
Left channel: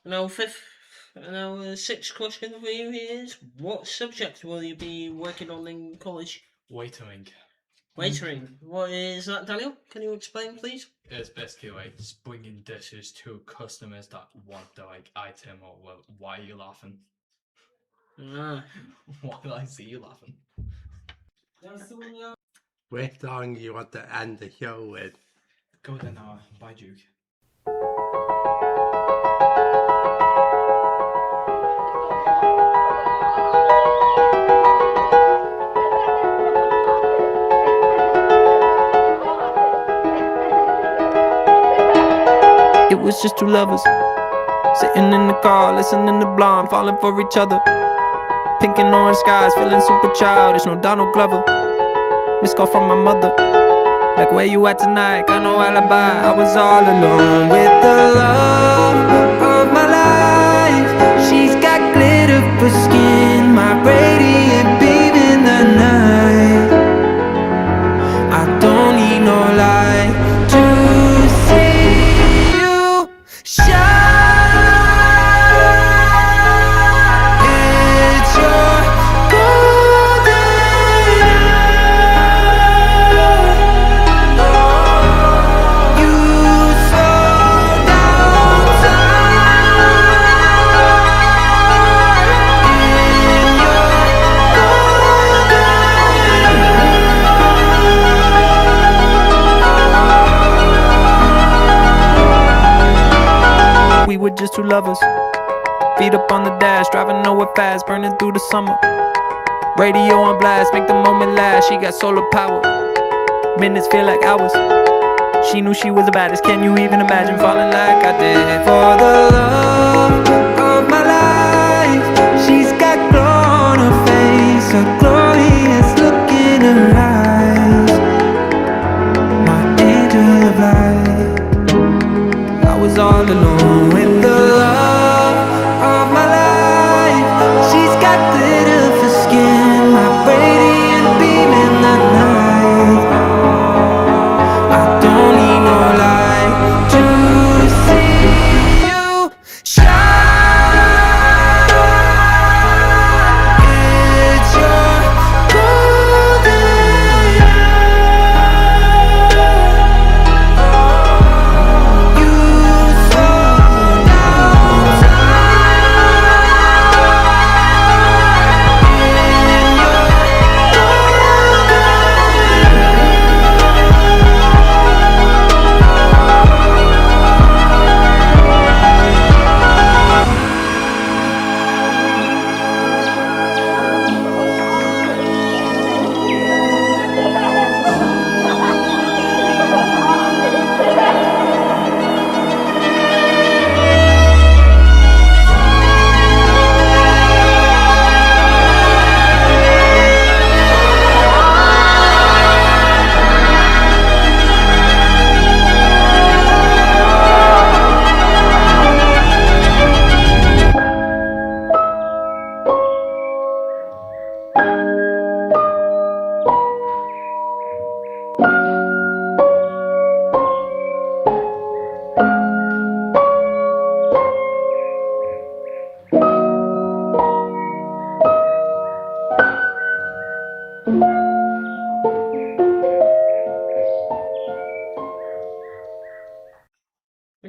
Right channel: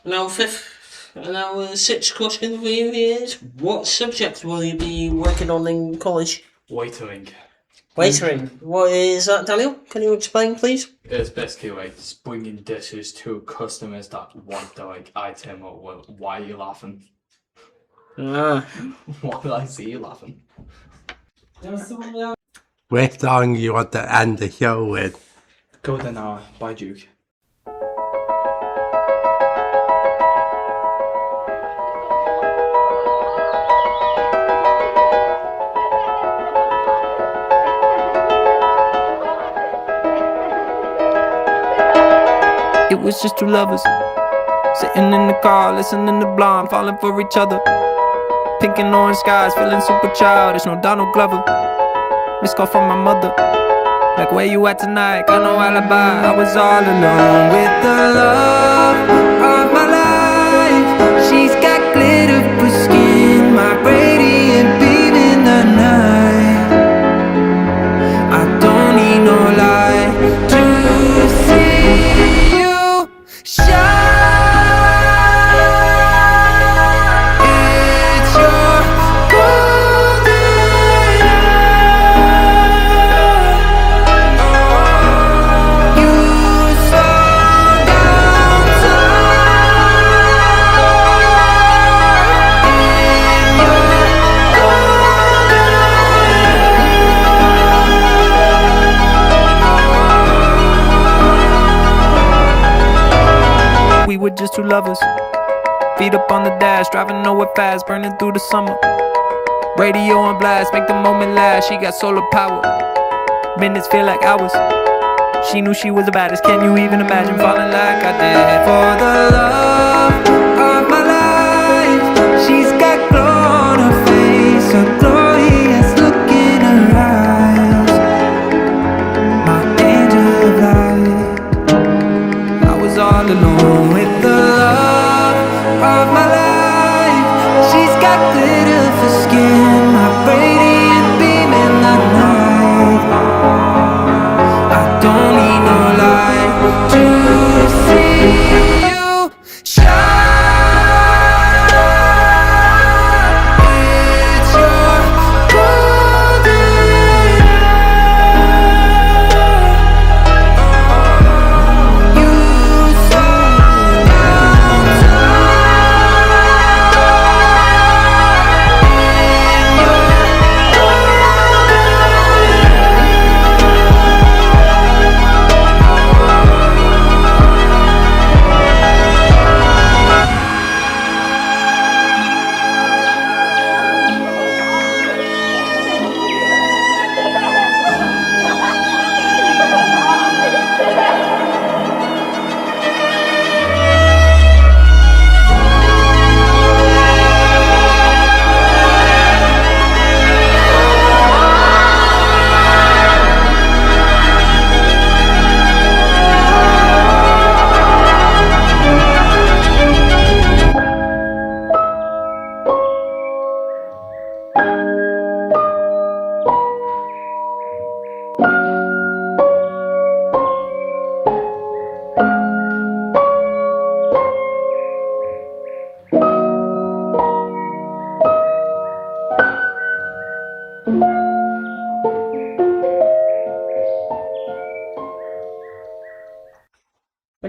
Now, sixth question for you is, what subject will you be working on in college? Waitering. Waitering. What is that, Daniel? Can you explain, please? It's basically like just bringing dishes to customers that want the item or why are you laughing? Ah. Why did I see you laughing? Which song you want to end the show with? Golden Hour by Duke. It was just two lovers sitting in the car, listening to Blonde, falling for each other. Pink and orange skies, feeling super childish. No Donald Glover. Missed call from my mother, like, where you at tonight? Got no alibi. I was all alone with the love of my life. She's got glitter for skin, my radiant beam in the night. I don't need no light to see you shine. It's your golden hour. Oh, you slow down time in your golden hour. We were just two lovers, feet up on the dash, driving nowhere fast, burning through the summer. Radio on blast, make the moment last. She got solar power, minutes feel like hours. She knew she was the baddest. Can you even imagine falling like I did? For the love of my life, she's got glow on her face, a glorious look in her eyes. My angel of light. I was all alone with the love of my life. She's got glitter for skin, my radiant beam in the night. I don't need no light to see you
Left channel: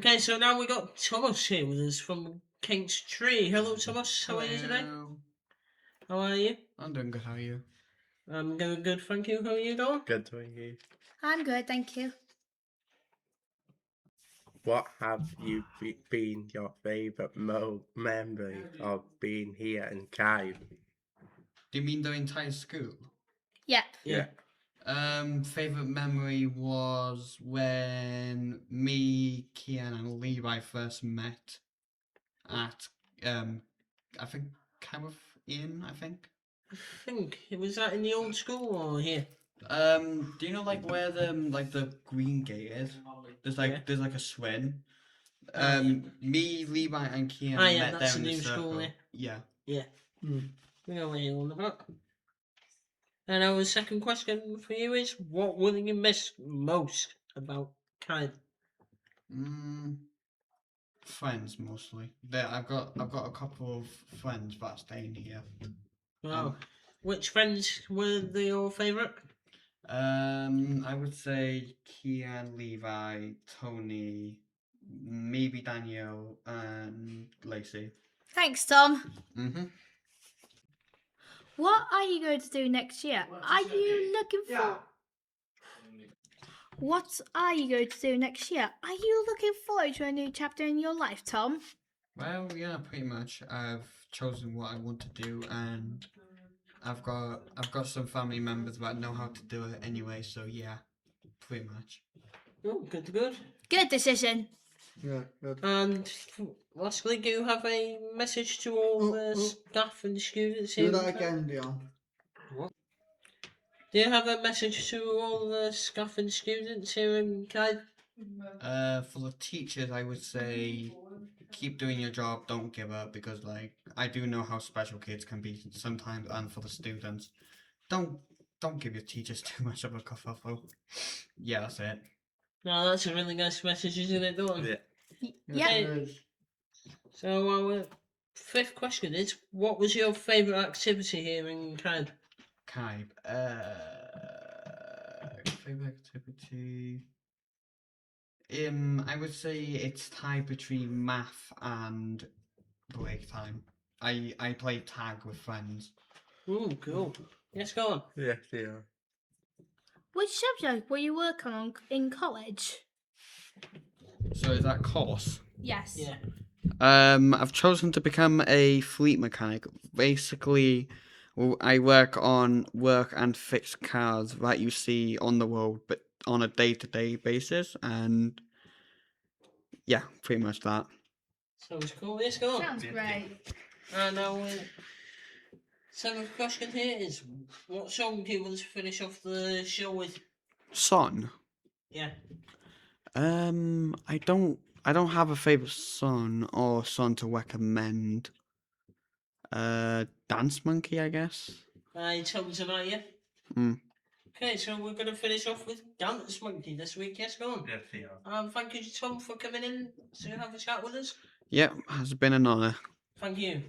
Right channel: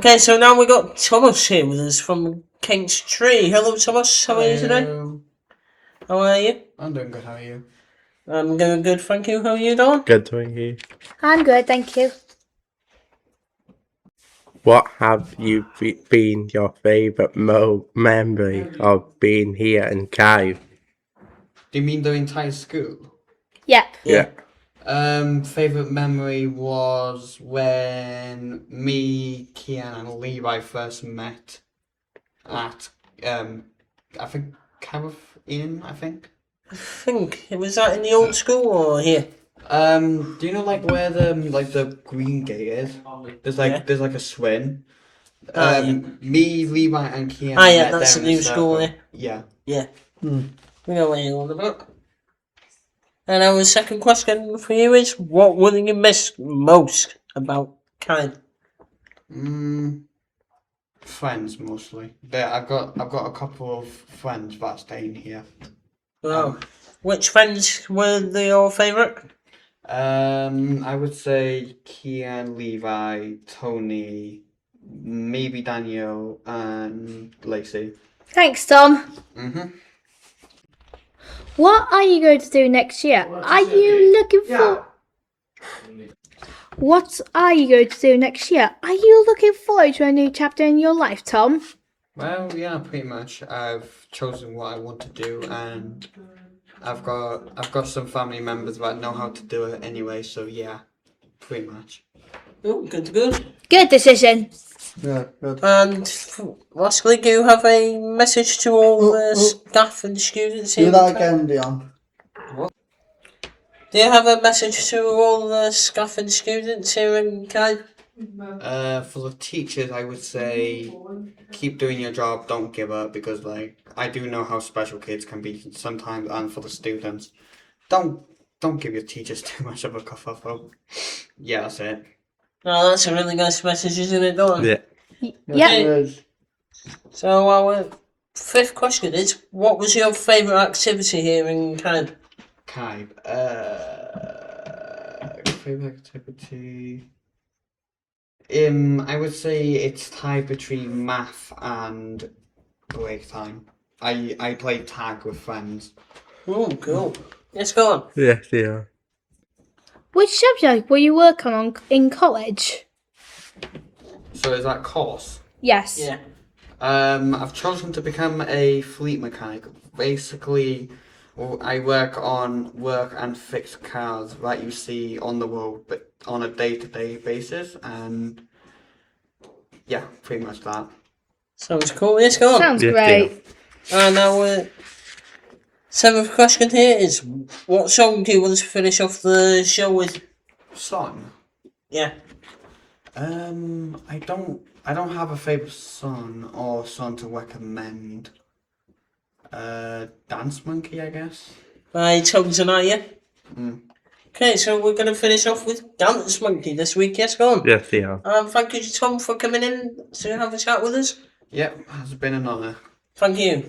Okay, so now we got Thomas here with us from King's Tree. Hello, Thomas. How are you today? How are you? I'm doing good. How are you? I'm doing good, thank you. How are you doing? Good, thank you. I'm good, thank you. What have you been your favourite memory of being here in Cave? Do you mean the entire school? Yep. Yeah. Favorite memory was when me, Kian, and Levi first met at I think Carif Inn. I think. I think was that in the old school or here? Do you know like where the green gate is? There's like there's like a swing. Me, Levi, and Kian. Yeah, met that's there the in new school. circle. Yeah. Yeah. Yeah. We know what you're on about. And our second question for you is, what will you miss most about Kine? Friends mostly. I've got a couple of friends that are staying here. Wow. Which friends were your favourite? I would say Kian, Levi, Tony, maybe Daniel, and Lacey. Thanks, Tom. Mhm. What are you going to do next year? Are you looking for... What are you going to do next year? Are you looking forward to a new chapter in your life, Tom? Well, yeah, pretty much. I've chosen what I want to do, and I've got some family members that know how to do it anyway. So yeah, pretty much. Oh, good. Good decision. Yeah, good. And lastly, do you have a message to all the staff and students here? Do that again, Dion. Do you have a message to all the staff and students here in Kine? For the teachers, I would say keep doing your job. Don't give up, because like I do know how special kids can be sometimes, and for the students, don't give your teachers too much of a kerfuffle. Yeah, that's it. No, that's a really nice message, isn't it, Don? Yeah. Yeah. So our fifth question is, what was your favourite activity here in Kine? Favorite activity. I would say it's tied between math and break time. I play tag with friends. Oh, cool. Yes, go on. Yes, yeah. Which subject will you work on in college? So is that course? Yes. Yeah. I've chosen to become a fleet mechanic. Basically, I work and fix cars that you see on the road, but on a day-to-day basis, and yeah, pretty much that. Sounds cool. Yes, go on. Sounds great. And our seventh question here is, what song do you want to finish off the show with? Song? Yeah. I don't have a favourite song or song to recommend. Dance Monkey, I guess. By Tanzania. Mm. Okay, so we're going to finish off with Dance Monkey this week. Yes, go on. Yes, yeah. Thank you to Tom for coming in to have a chat with us. Yep, has been an honour. Thank you.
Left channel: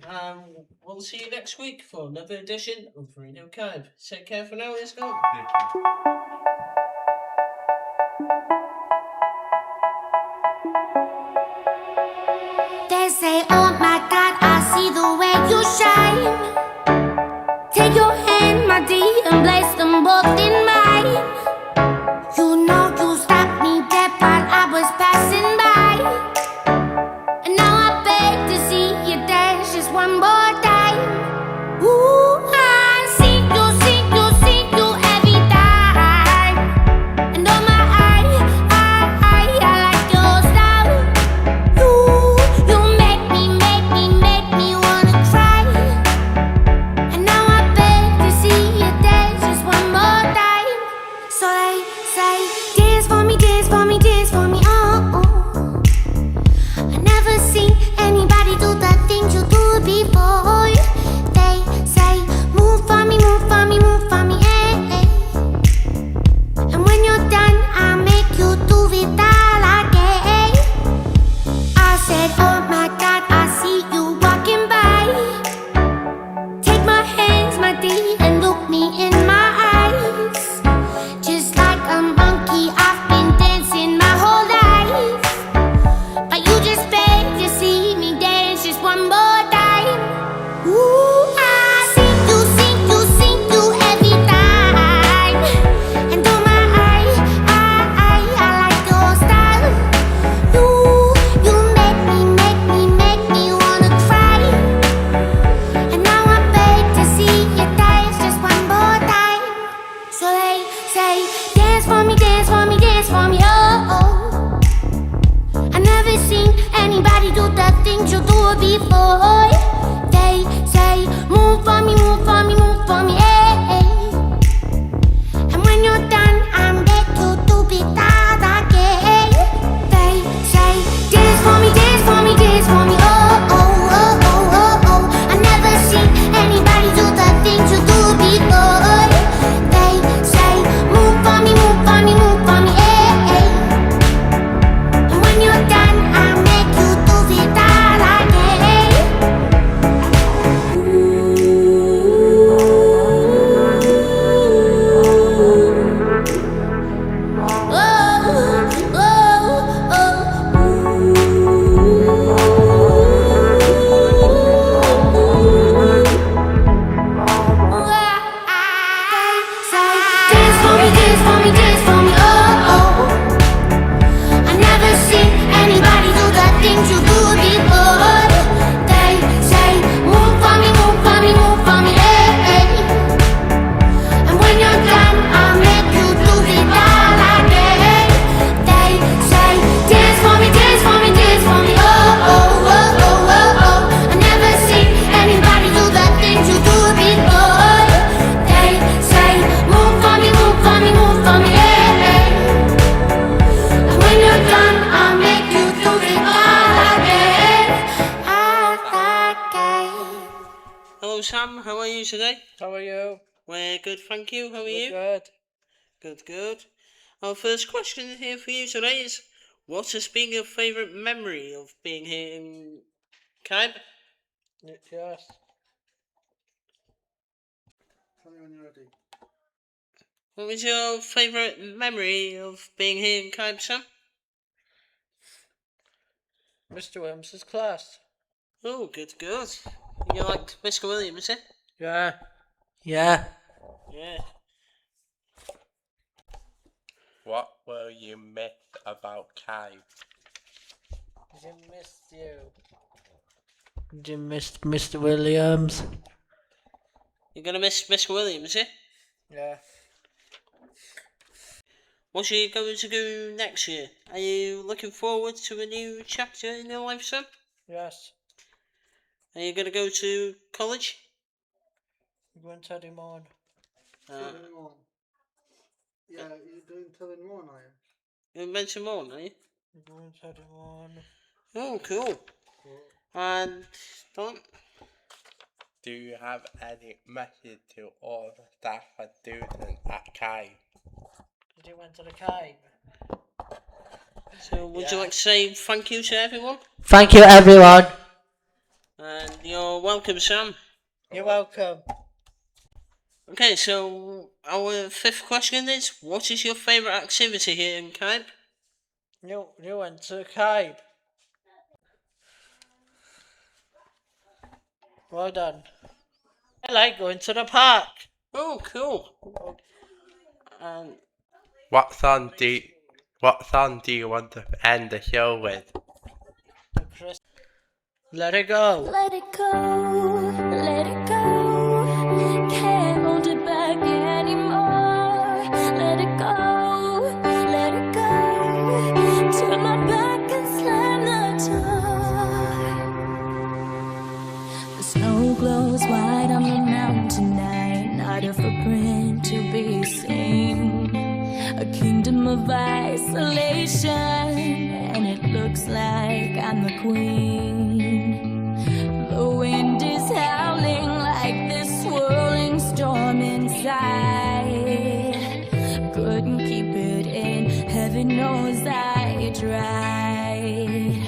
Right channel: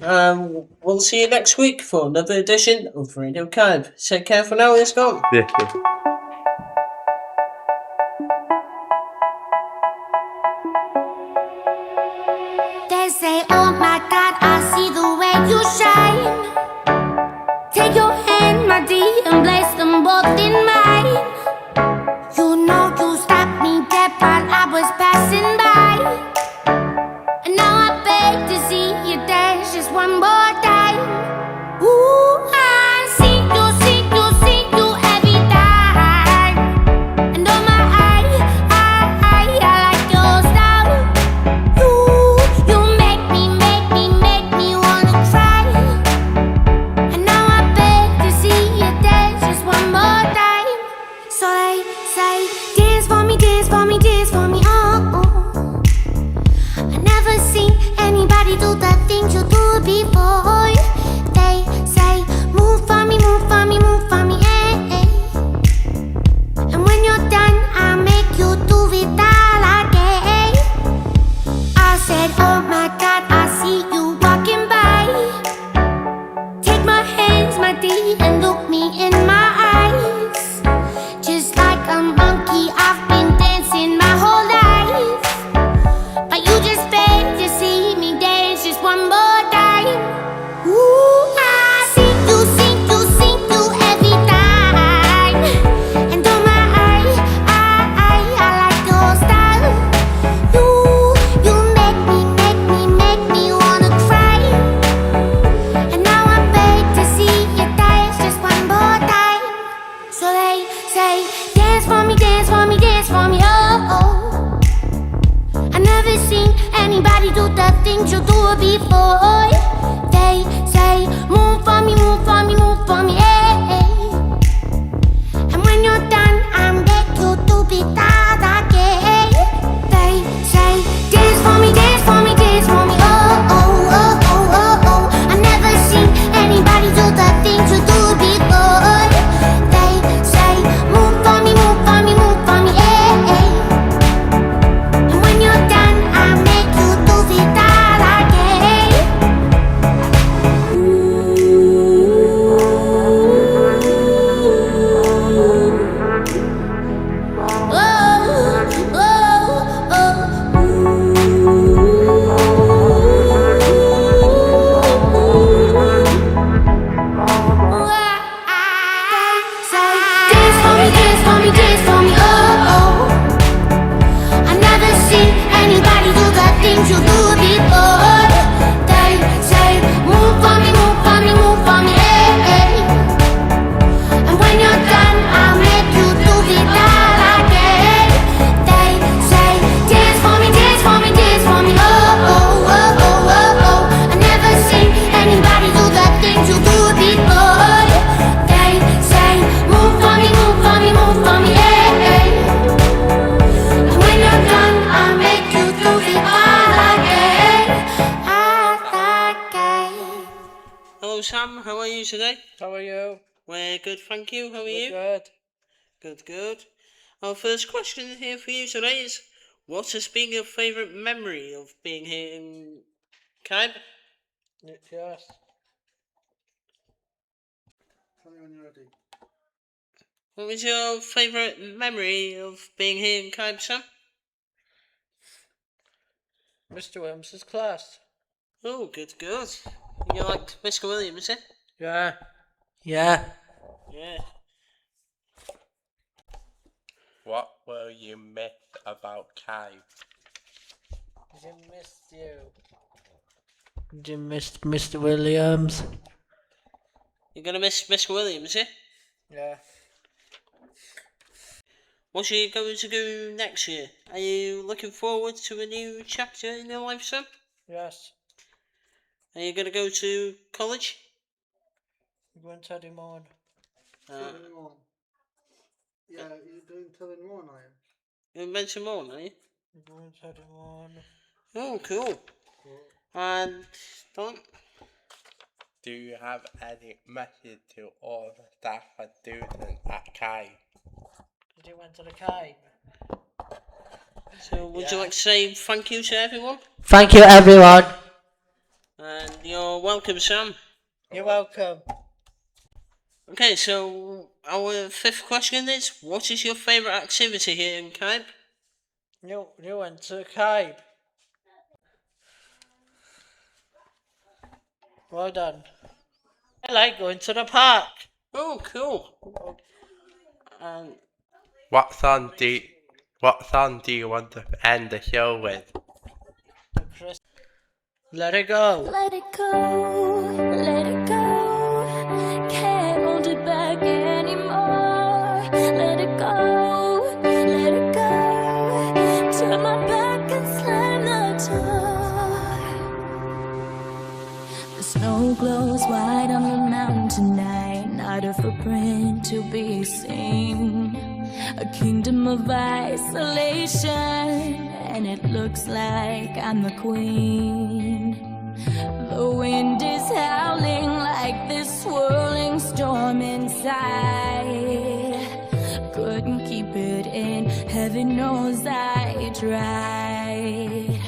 We'll see you next week for another edition of Radio Cave. Take care for now. Let's go. Yes, yeah. They say, oh my God, I see the way you shine. Take your hand, my dear, and place them both in mine. You know you stopped me dead while I was passing by. And now I beg to see you dance just one more time. Ooh, I see you every time. And oh my, I like your style. You make me wanna cry. And now I beg to see you dance just one more time. So they say, dance for me, oh. I never seen anybody do the things you do before. before. They say, move for me, move for me, move for me, hey. And when you're done, I beg you to be that again. They say, dance for me, dance for me, dance for me, oh, oh, oh, oh, oh, oh. I never seen anybody do the things you do before. They say, move for me, move for me, move for me, hey. And when you're done, I make you do it all again. You do it before. They say, move for me, move for me, move for me, hey. And when you're done, I'll make you do it all again. They say, dance for me, dance for me, dance for me, oh, oh, oh, oh, oh, oh. I never seen anybody do the things you do it before. They say, move for me, move for me, move for me, hey. And when you're done, I'll make you do it all. Hello Sam, how are you today? How are you? We're good, thank you. How are you? Good. Good, good. Our first question here for you today is, what has been your favourite memory of being here in Caib? Yes. Tell me when you're ready. What was your favourite memory of being here in Caib, Sam? Mr. Williams' class. Oh, good, good. You liked Mr. Williams, eh? Yeah. Yeah. Yeah. What will you miss about Caib? Jim missed you. Jim missed Mr. Williams. You're gonna miss Mr. Williams, eh? Yeah. What are you going to do next year? Are you looking forward to a new chapter in your life, Sam? Yes. Are you going to go to college? We're going to Edinburgh. Yeah, you're doing Tilling One, are you? You mentioned more, are you? We're going to Edinburgh. Oh, cool. And Don? Do you have any message to all the staff and students at Caib? Did you went to the Caib? So would you like to say thank you to everyone? Thank you, everyone. And you're welcome, Sam. You're welcome. Okay, so our fifth question is, what is your favourite activity here in Caib? You went to Caib. Well done. I like going to the park. Oh, cool. And What song do you want to end the show with? Let it go. Let it go, let it go. Can't hold it back anymore. Let it go, let it go. Turn my back and slam the door. The snow glows white on the mountain tonight. Not a footprint to be seen. A kingdom of isolation, and it looks like I'm the queen. The wind is howling like this swirling storm inside. Couldn't keep it in, heaven knows I tried.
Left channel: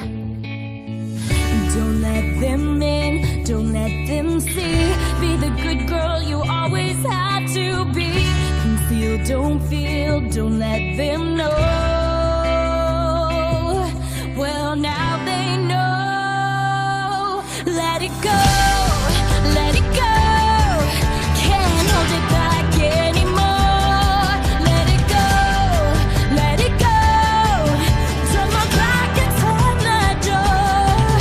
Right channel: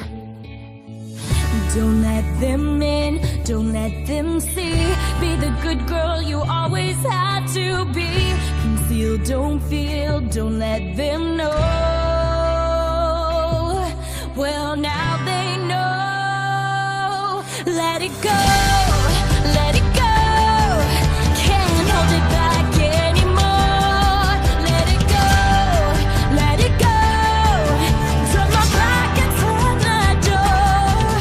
Don't let them in, don't let them see. Be the good girl you always had to be. Conceal, don't feel, don't let them know. Well, now they know. Let it go, let it go. Can't hold it back anymore. Let it go, let it go. Turn my back and slam the door.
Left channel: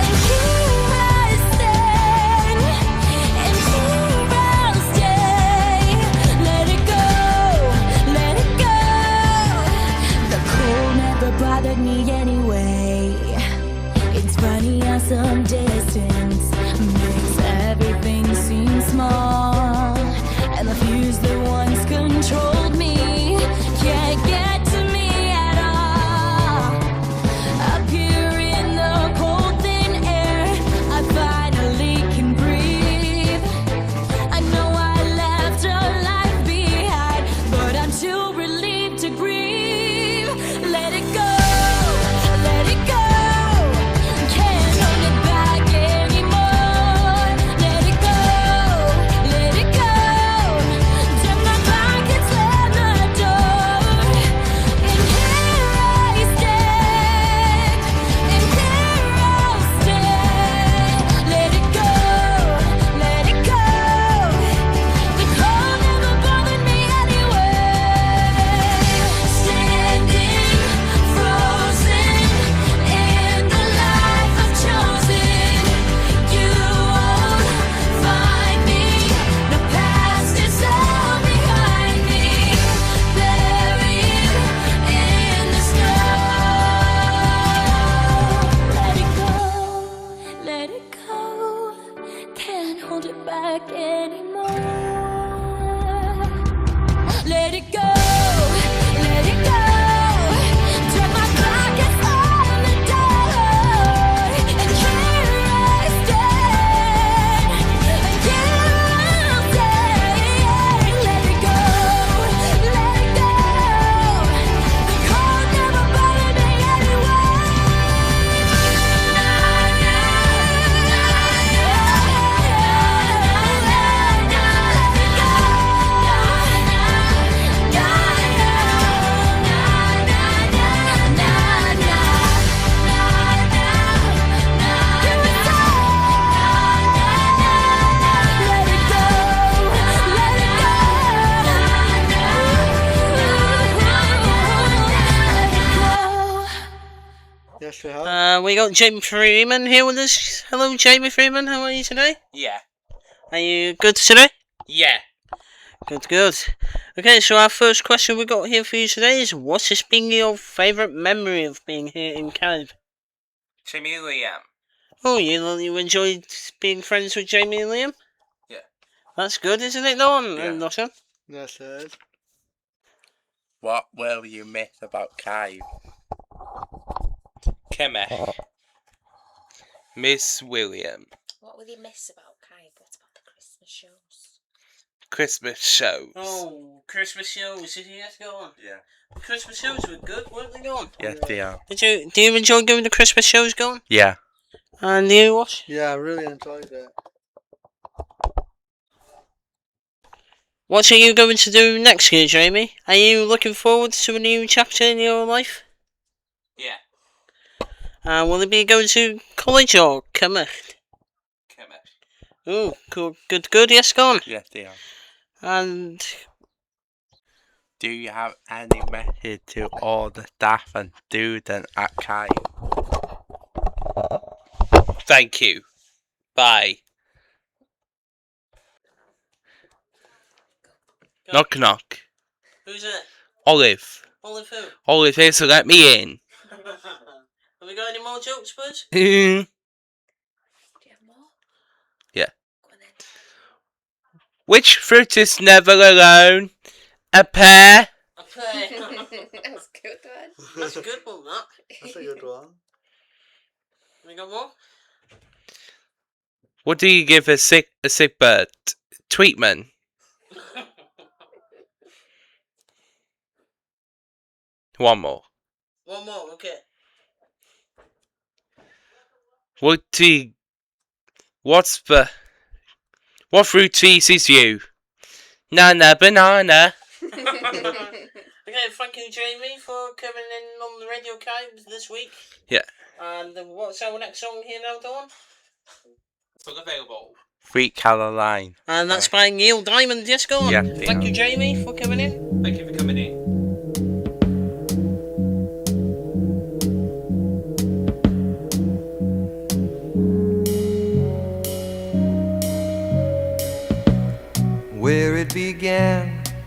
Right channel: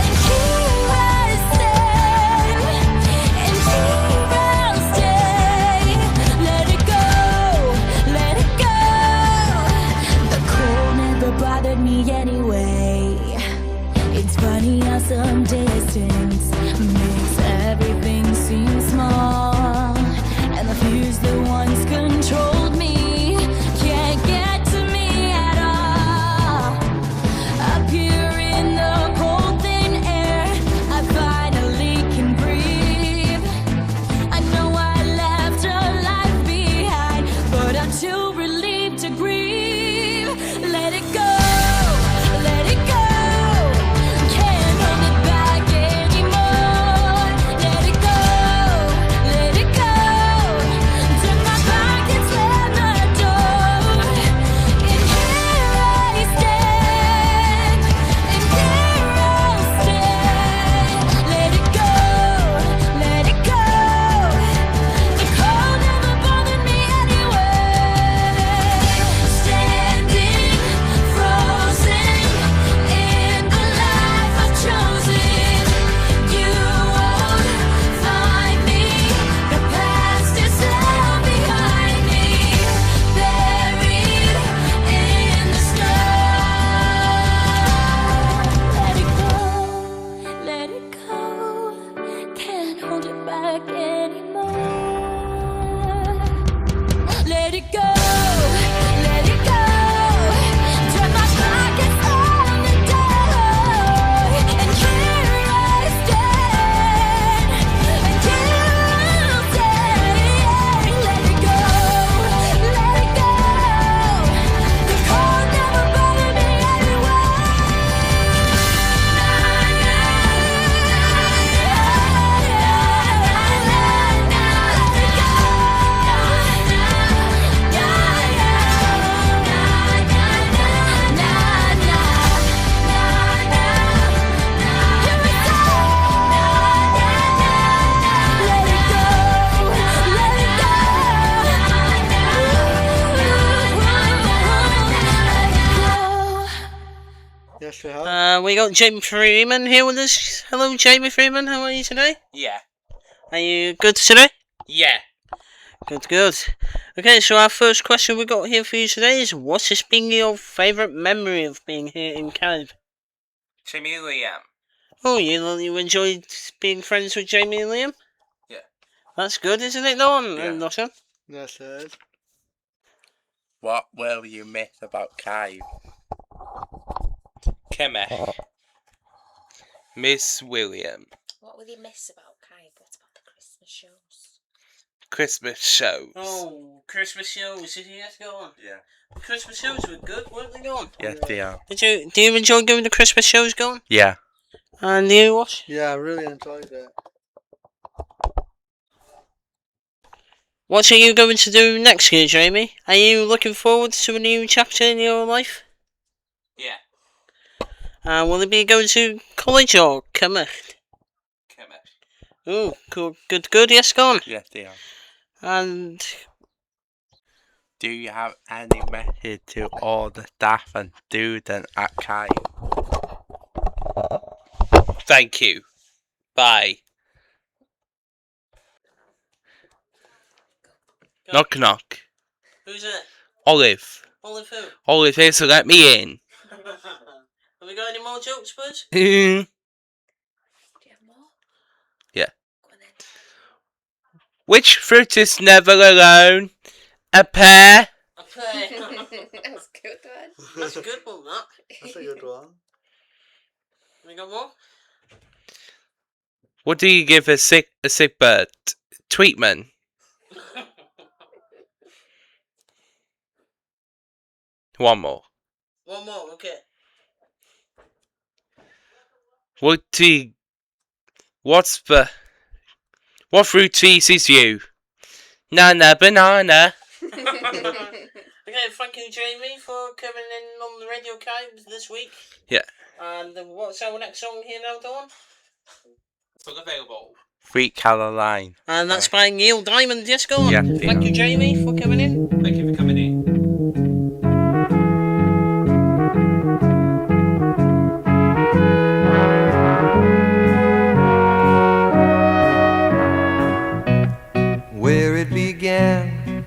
And here I stand, and here I'll stay. Let it go, let it go. The cold never bothered me anyway. It's funny how some days distance makes everything seem small, and the fears that once controlled me can't get to me at all. Up here in the cold thin air, I finally can breathe. I know I left a life behind, but I'm too relieved to grieve. Let it go, let it go. Can't hold it back anymore. Let it go, let it go. Turn my back and slam the door. And here I stand, and here I'll stay. Let it go, let it go. The cold never bothered me anyway. Standing frozen in the life I've chosen. You won't find me. The past is left behind me, buried in the snow. Let it go, let it go. Can't hold it back anymore. Let it go, let it go. Turn my back and slam the door. And here I stand, and here I'll stay. Let it go, let it go. The cold never bothered me anyway. Let it go. Yes, we have. We got Jamie Freeman here with us. Hello, Jamie Freeman. How are you today? Yeah. Are you good today? Yeah. Good, good. Okay, so our first question we got here for you today is, what has been your favourite memory of being here in Cardiff? Jamie and Liam. Oh, you enjoyed being friends with Jamie and Liam? Yeah. That's good, isn't it, Dawn? Yeah. And Nothing? Yes, it is. What will you miss about Kai? Kemech. Miss William. What will you miss about Kai? What about the Christmas shows? Christmas shows. Oh, Christmas shows. Did you guys go on? Yeah. The Christmas shows were good, weren't they, going? Yes, they are. Do you enjoy going to Christmas shows, going? Yeah. And you, what? Yeah, I really enjoyed it. What are you going to do next year, Jamie? Are you looking forward to a new chapter in your life? Yeah. Will it be going to college or Cymraeg? Kemech. Oh, good, good, good. Yes, go on. Yes, they are. And Do you have any message to all the staff and students at Kai? Thank you. Bye. Knock knock. who's it? Olive. Olive who? Olive here to let me in. Have we got any more jokes, bud? Yeah. Which fruit is never alone? A pear. A pear. That's a good one. That's a good one, that. That's a good one. We got more? What do you give a sick bird? Treatment. One more. One more, okay. What fruit teases you? Nana banana. Okay, thank you, Jamie, for coming in on the Radio Cave this week. Yeah. And what's our next song here now, Dawn? Still available. Sweet Caroline. And that's by Neil Diamond. Yes, go on. Yeah, Thank you, Jamie, for coming in. Thank you for coming in. Where it began,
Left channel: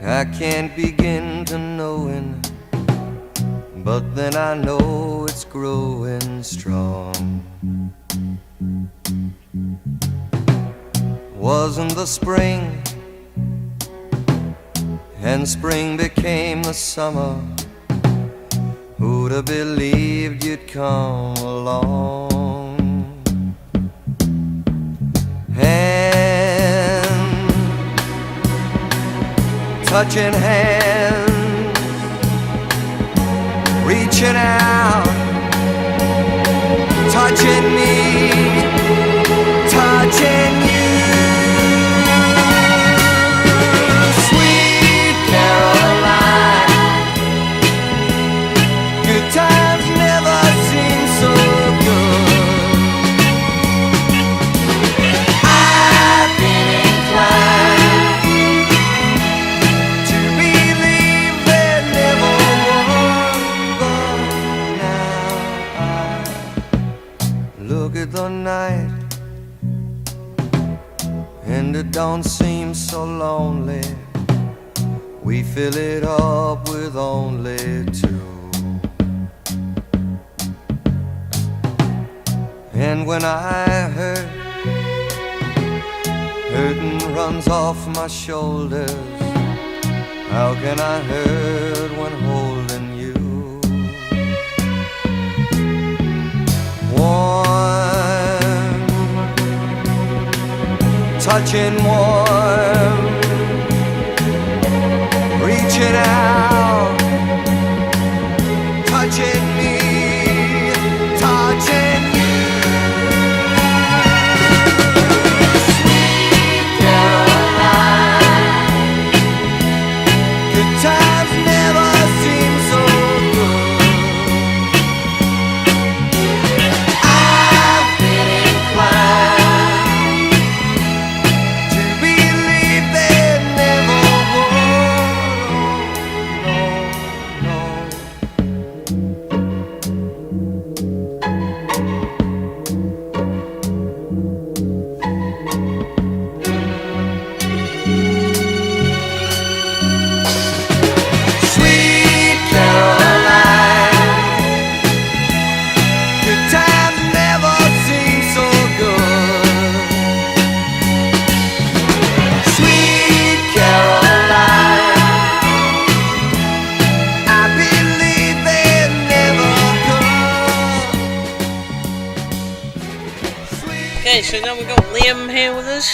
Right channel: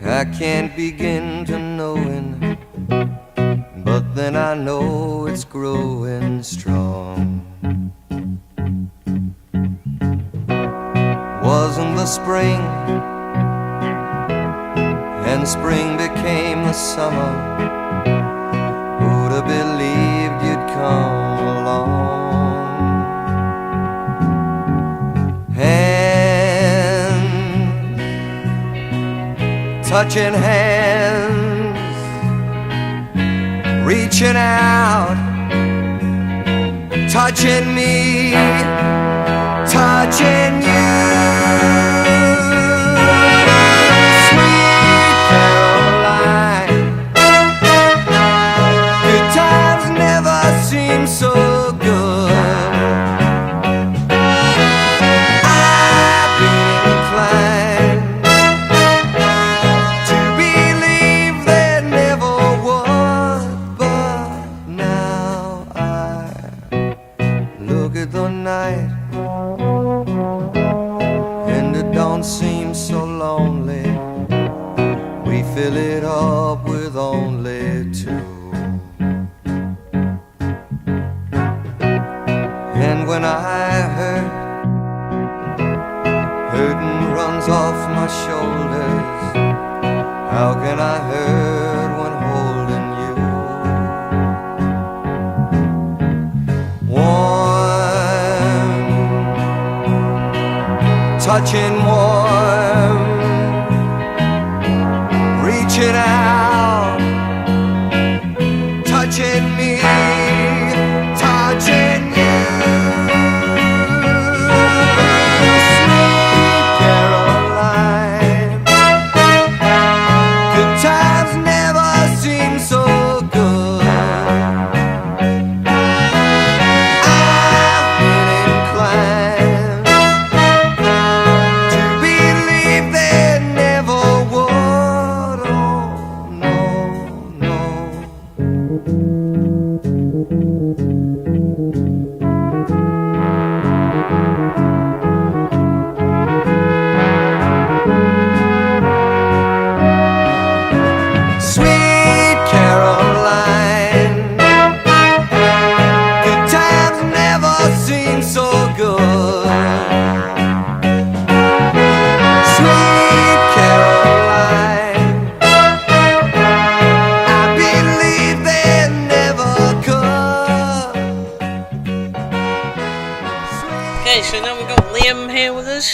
I can't begin to knowing, but then I know it's growing strong. wasn't the spring, and spring became the summer. Who'd have believed you'd come along? Hand touching hands, reaching out, touching me, touching you. Sweet Caroline, good times never seem so good. I've been inclined to believe there never was, but now I look at the night and it don't seem so lonely. We fill it up with only two. And when I hurting runs off my shoulders, how can I hurt when holding you? Warm, touching warm, reaching out, touching me, touching you. Sweet Caroline, good times never seem so good. I've been inclined to believe there never was. Oh, no, Sweet Caroline, good times never seem so good. Sweet Caroline, I believe they never could. Okay, so now we've got Liam here with us.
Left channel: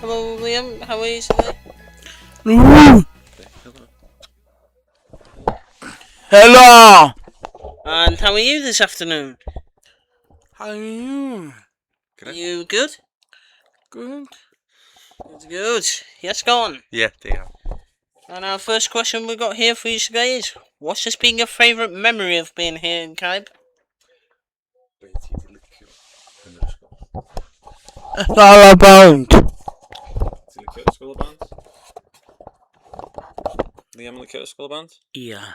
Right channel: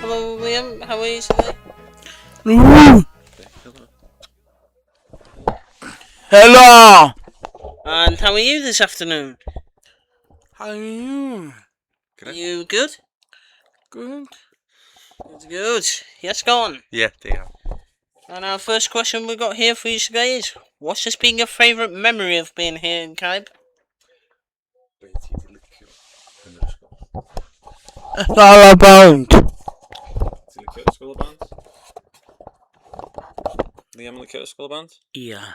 Hello, Liam. How are you today? Hello. And how are you this afternoon? How are you? Are you good? Good. Good. Yes, go on. Yeah, dear. And our first question we got here for you today is, what's just been your favourite memory of being here in Caib? It's all about. Liam and the Curtis School Band? Yeah.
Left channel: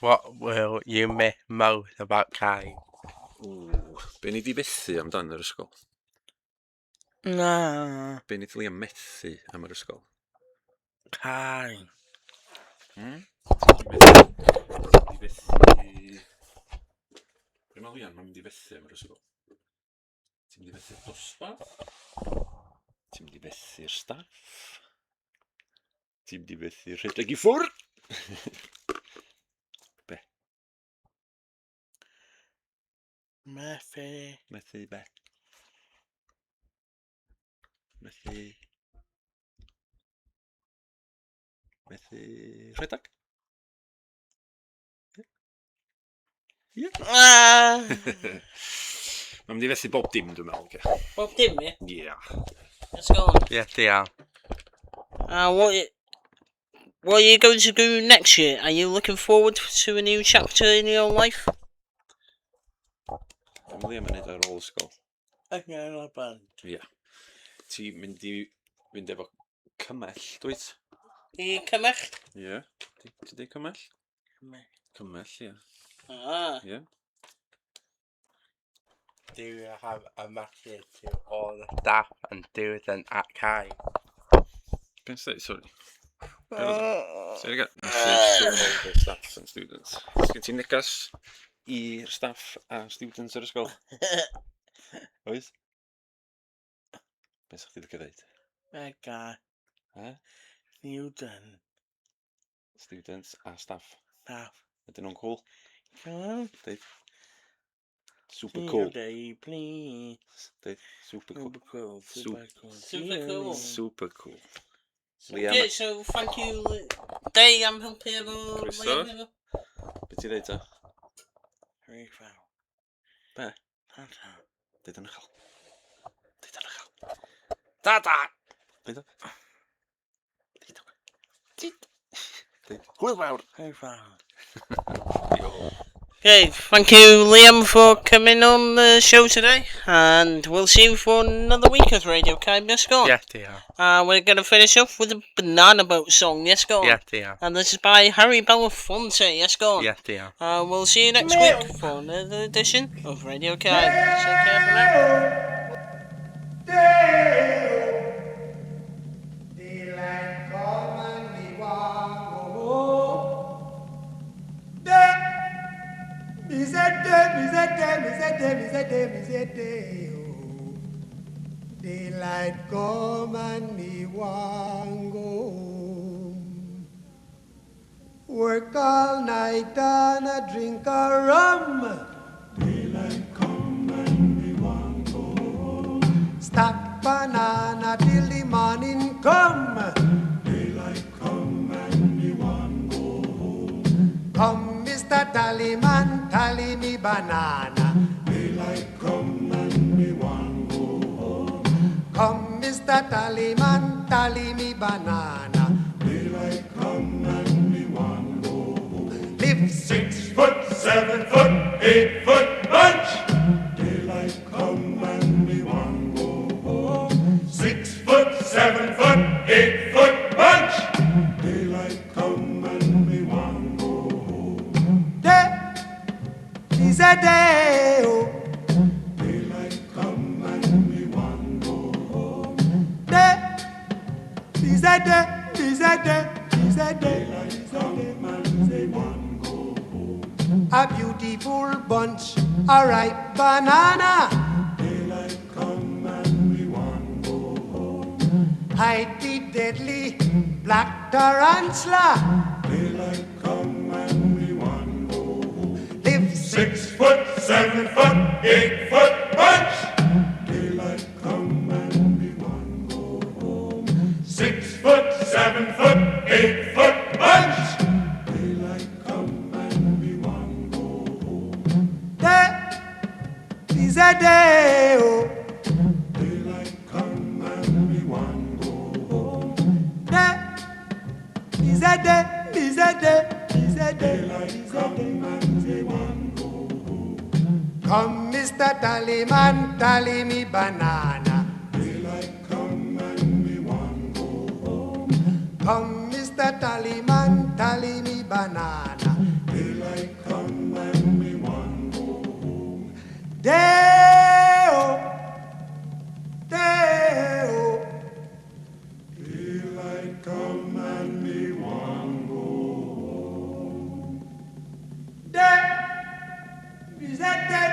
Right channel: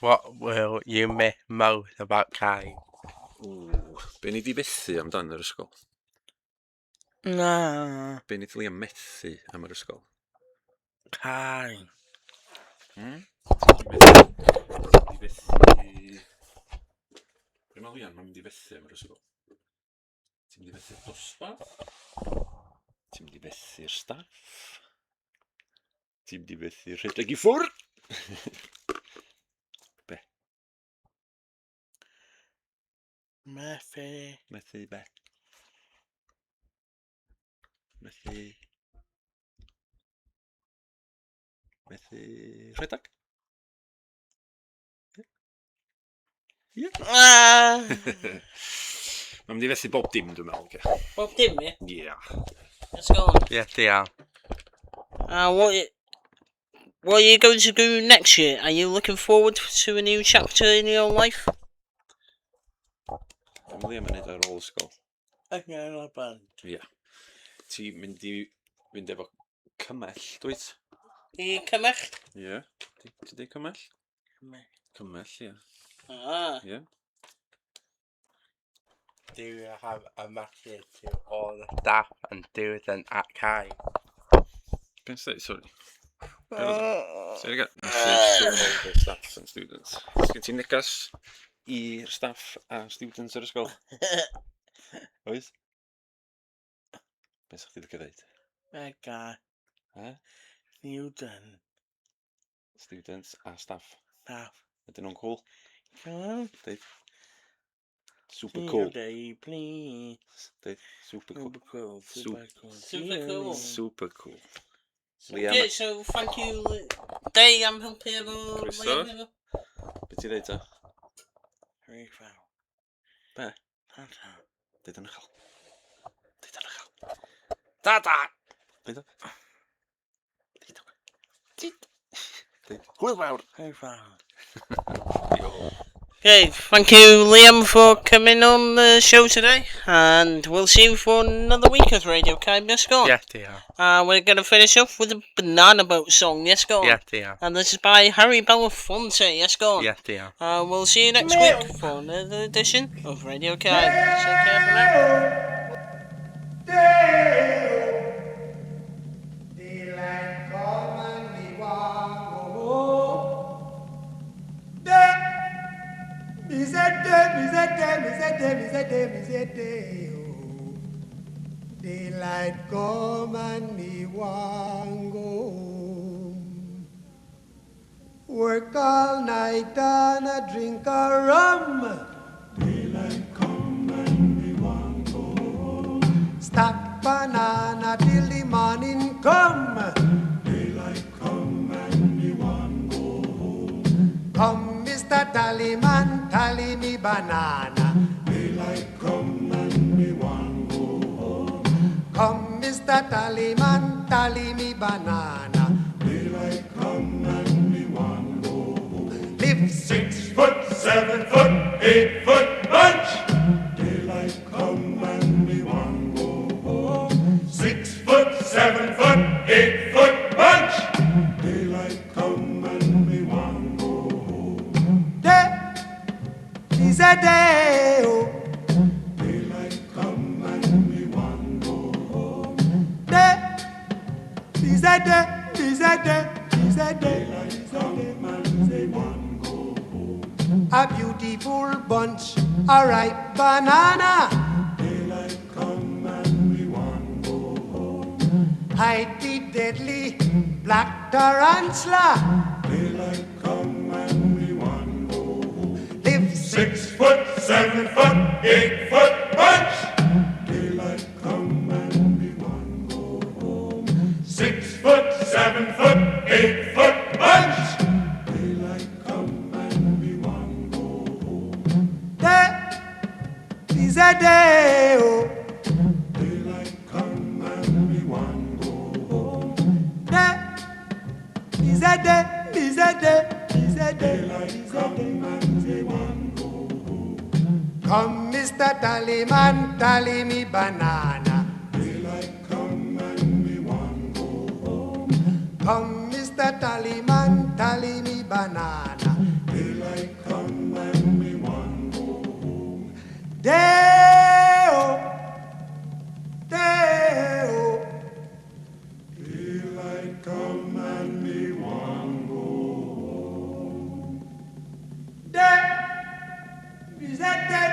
What will you miss most about Caib? Be ni di bethu amdan yr ysgol? Na. Be ni di Liam methu am yr ysgol? Caib. Di bethu... Be mae Liam yn mynd i bethu am yr ysgol? Ti'n mynd i bethu'r dosbarth? Ti'n mynd i bethu'r staff? Ti'n mynd i bethu'r rhedeg i ffwrdd? Be? Methu. Methu be? Methu... Methu rhedeg? Ie? Mae'n mynd i fethu bob dim, dwi'n meddwl. Bob dim, yeah? Yeah. Let's go on. Yeah, dear. What are you going to do next year? Are you looking forward to a new chapter in your life? Dwi'n Liam yn neud ar ôl ysgol. Okay, not bad. Ie. Ti'n mynd i fynd efo cymell, dwyt? I cymell? Ie. Ti'n dweud cymell? Cymell. Cymell, ie. Ah. Ie. Do you have a message to all the staff and students at Caib? Ben say, sorry. Say it again. Message to all the staff and students. Sgen ti'n negas i'r staff a students yr ysgol? Oes? Be sa'ch ti licio ddeud? Mega. Student. Students a staff. Staff. Ydyn nhw'n cool? Cool. Deud. Super cool. Day, please. Deud. Super cool. Super cool. Super cool. Super cool. Super cool. Okay, so thank you, Day, I'm helping you. Croeso. Be ti ddeud o? Rhyfel. Be? Tata. Deud yn uchel. Deud yn uchel. Tata. Deud o. Hwyl fawr. Hwyl fawr. Okay, thank you, Liam, for coming on the show today, and we'll see you for another week of Radio Kindness. Go on. Yeah, dear. We're going to finish off with a Banana Boat song. Yes, go on. Yeah, dear. And this is by Harry Belafonte. Yes, go on. Yeah, dear. We'll see you next week for another edition of Radio Kind. Take care for now. Daylight come and me want go home. Work all night and a drink a rum. Daylight come and me want go home. Stack banana till the morning come. Daylight come and me want go home. Come, Mr. Tallyman, tally me banana. Daylight come and me want go home. Come, Mr. Tallyman, tally me banana. Daylight come and me want go home. Live 6 foot, 7 foot, 8 foot bunch. Daylight come and me want go home. 6 foot, 7 foot, 8 foot bunch. Daylight come and me want go home. Day is a day, oh. Daylight come and me want go home. Day is a day, is a day, is a day. Daylight come and me want go home. A beautiful bunch, a ripe banana. Daylight come and we want go home. Hide the deadly black tarantula. Daylight come and we want go home. Live 6 foot, 7 foot, 8 foot bunch. Daylight come and we want go home. 6 foot, 7 foot, 8 foot bunch. Daylight come and we want go home. Day is a day, oh. Daylight come and we want go home. Day is a day, is a day, is a day. Daylight come and we want go home. Come, Mr. Tallyman, tally me banana. Daylight come and we want go home. Come, Mr. Tallyman, tally me banana. Daylight come and we want go home. Day-o, day-o. Daylight come and we want go home. Day is a day.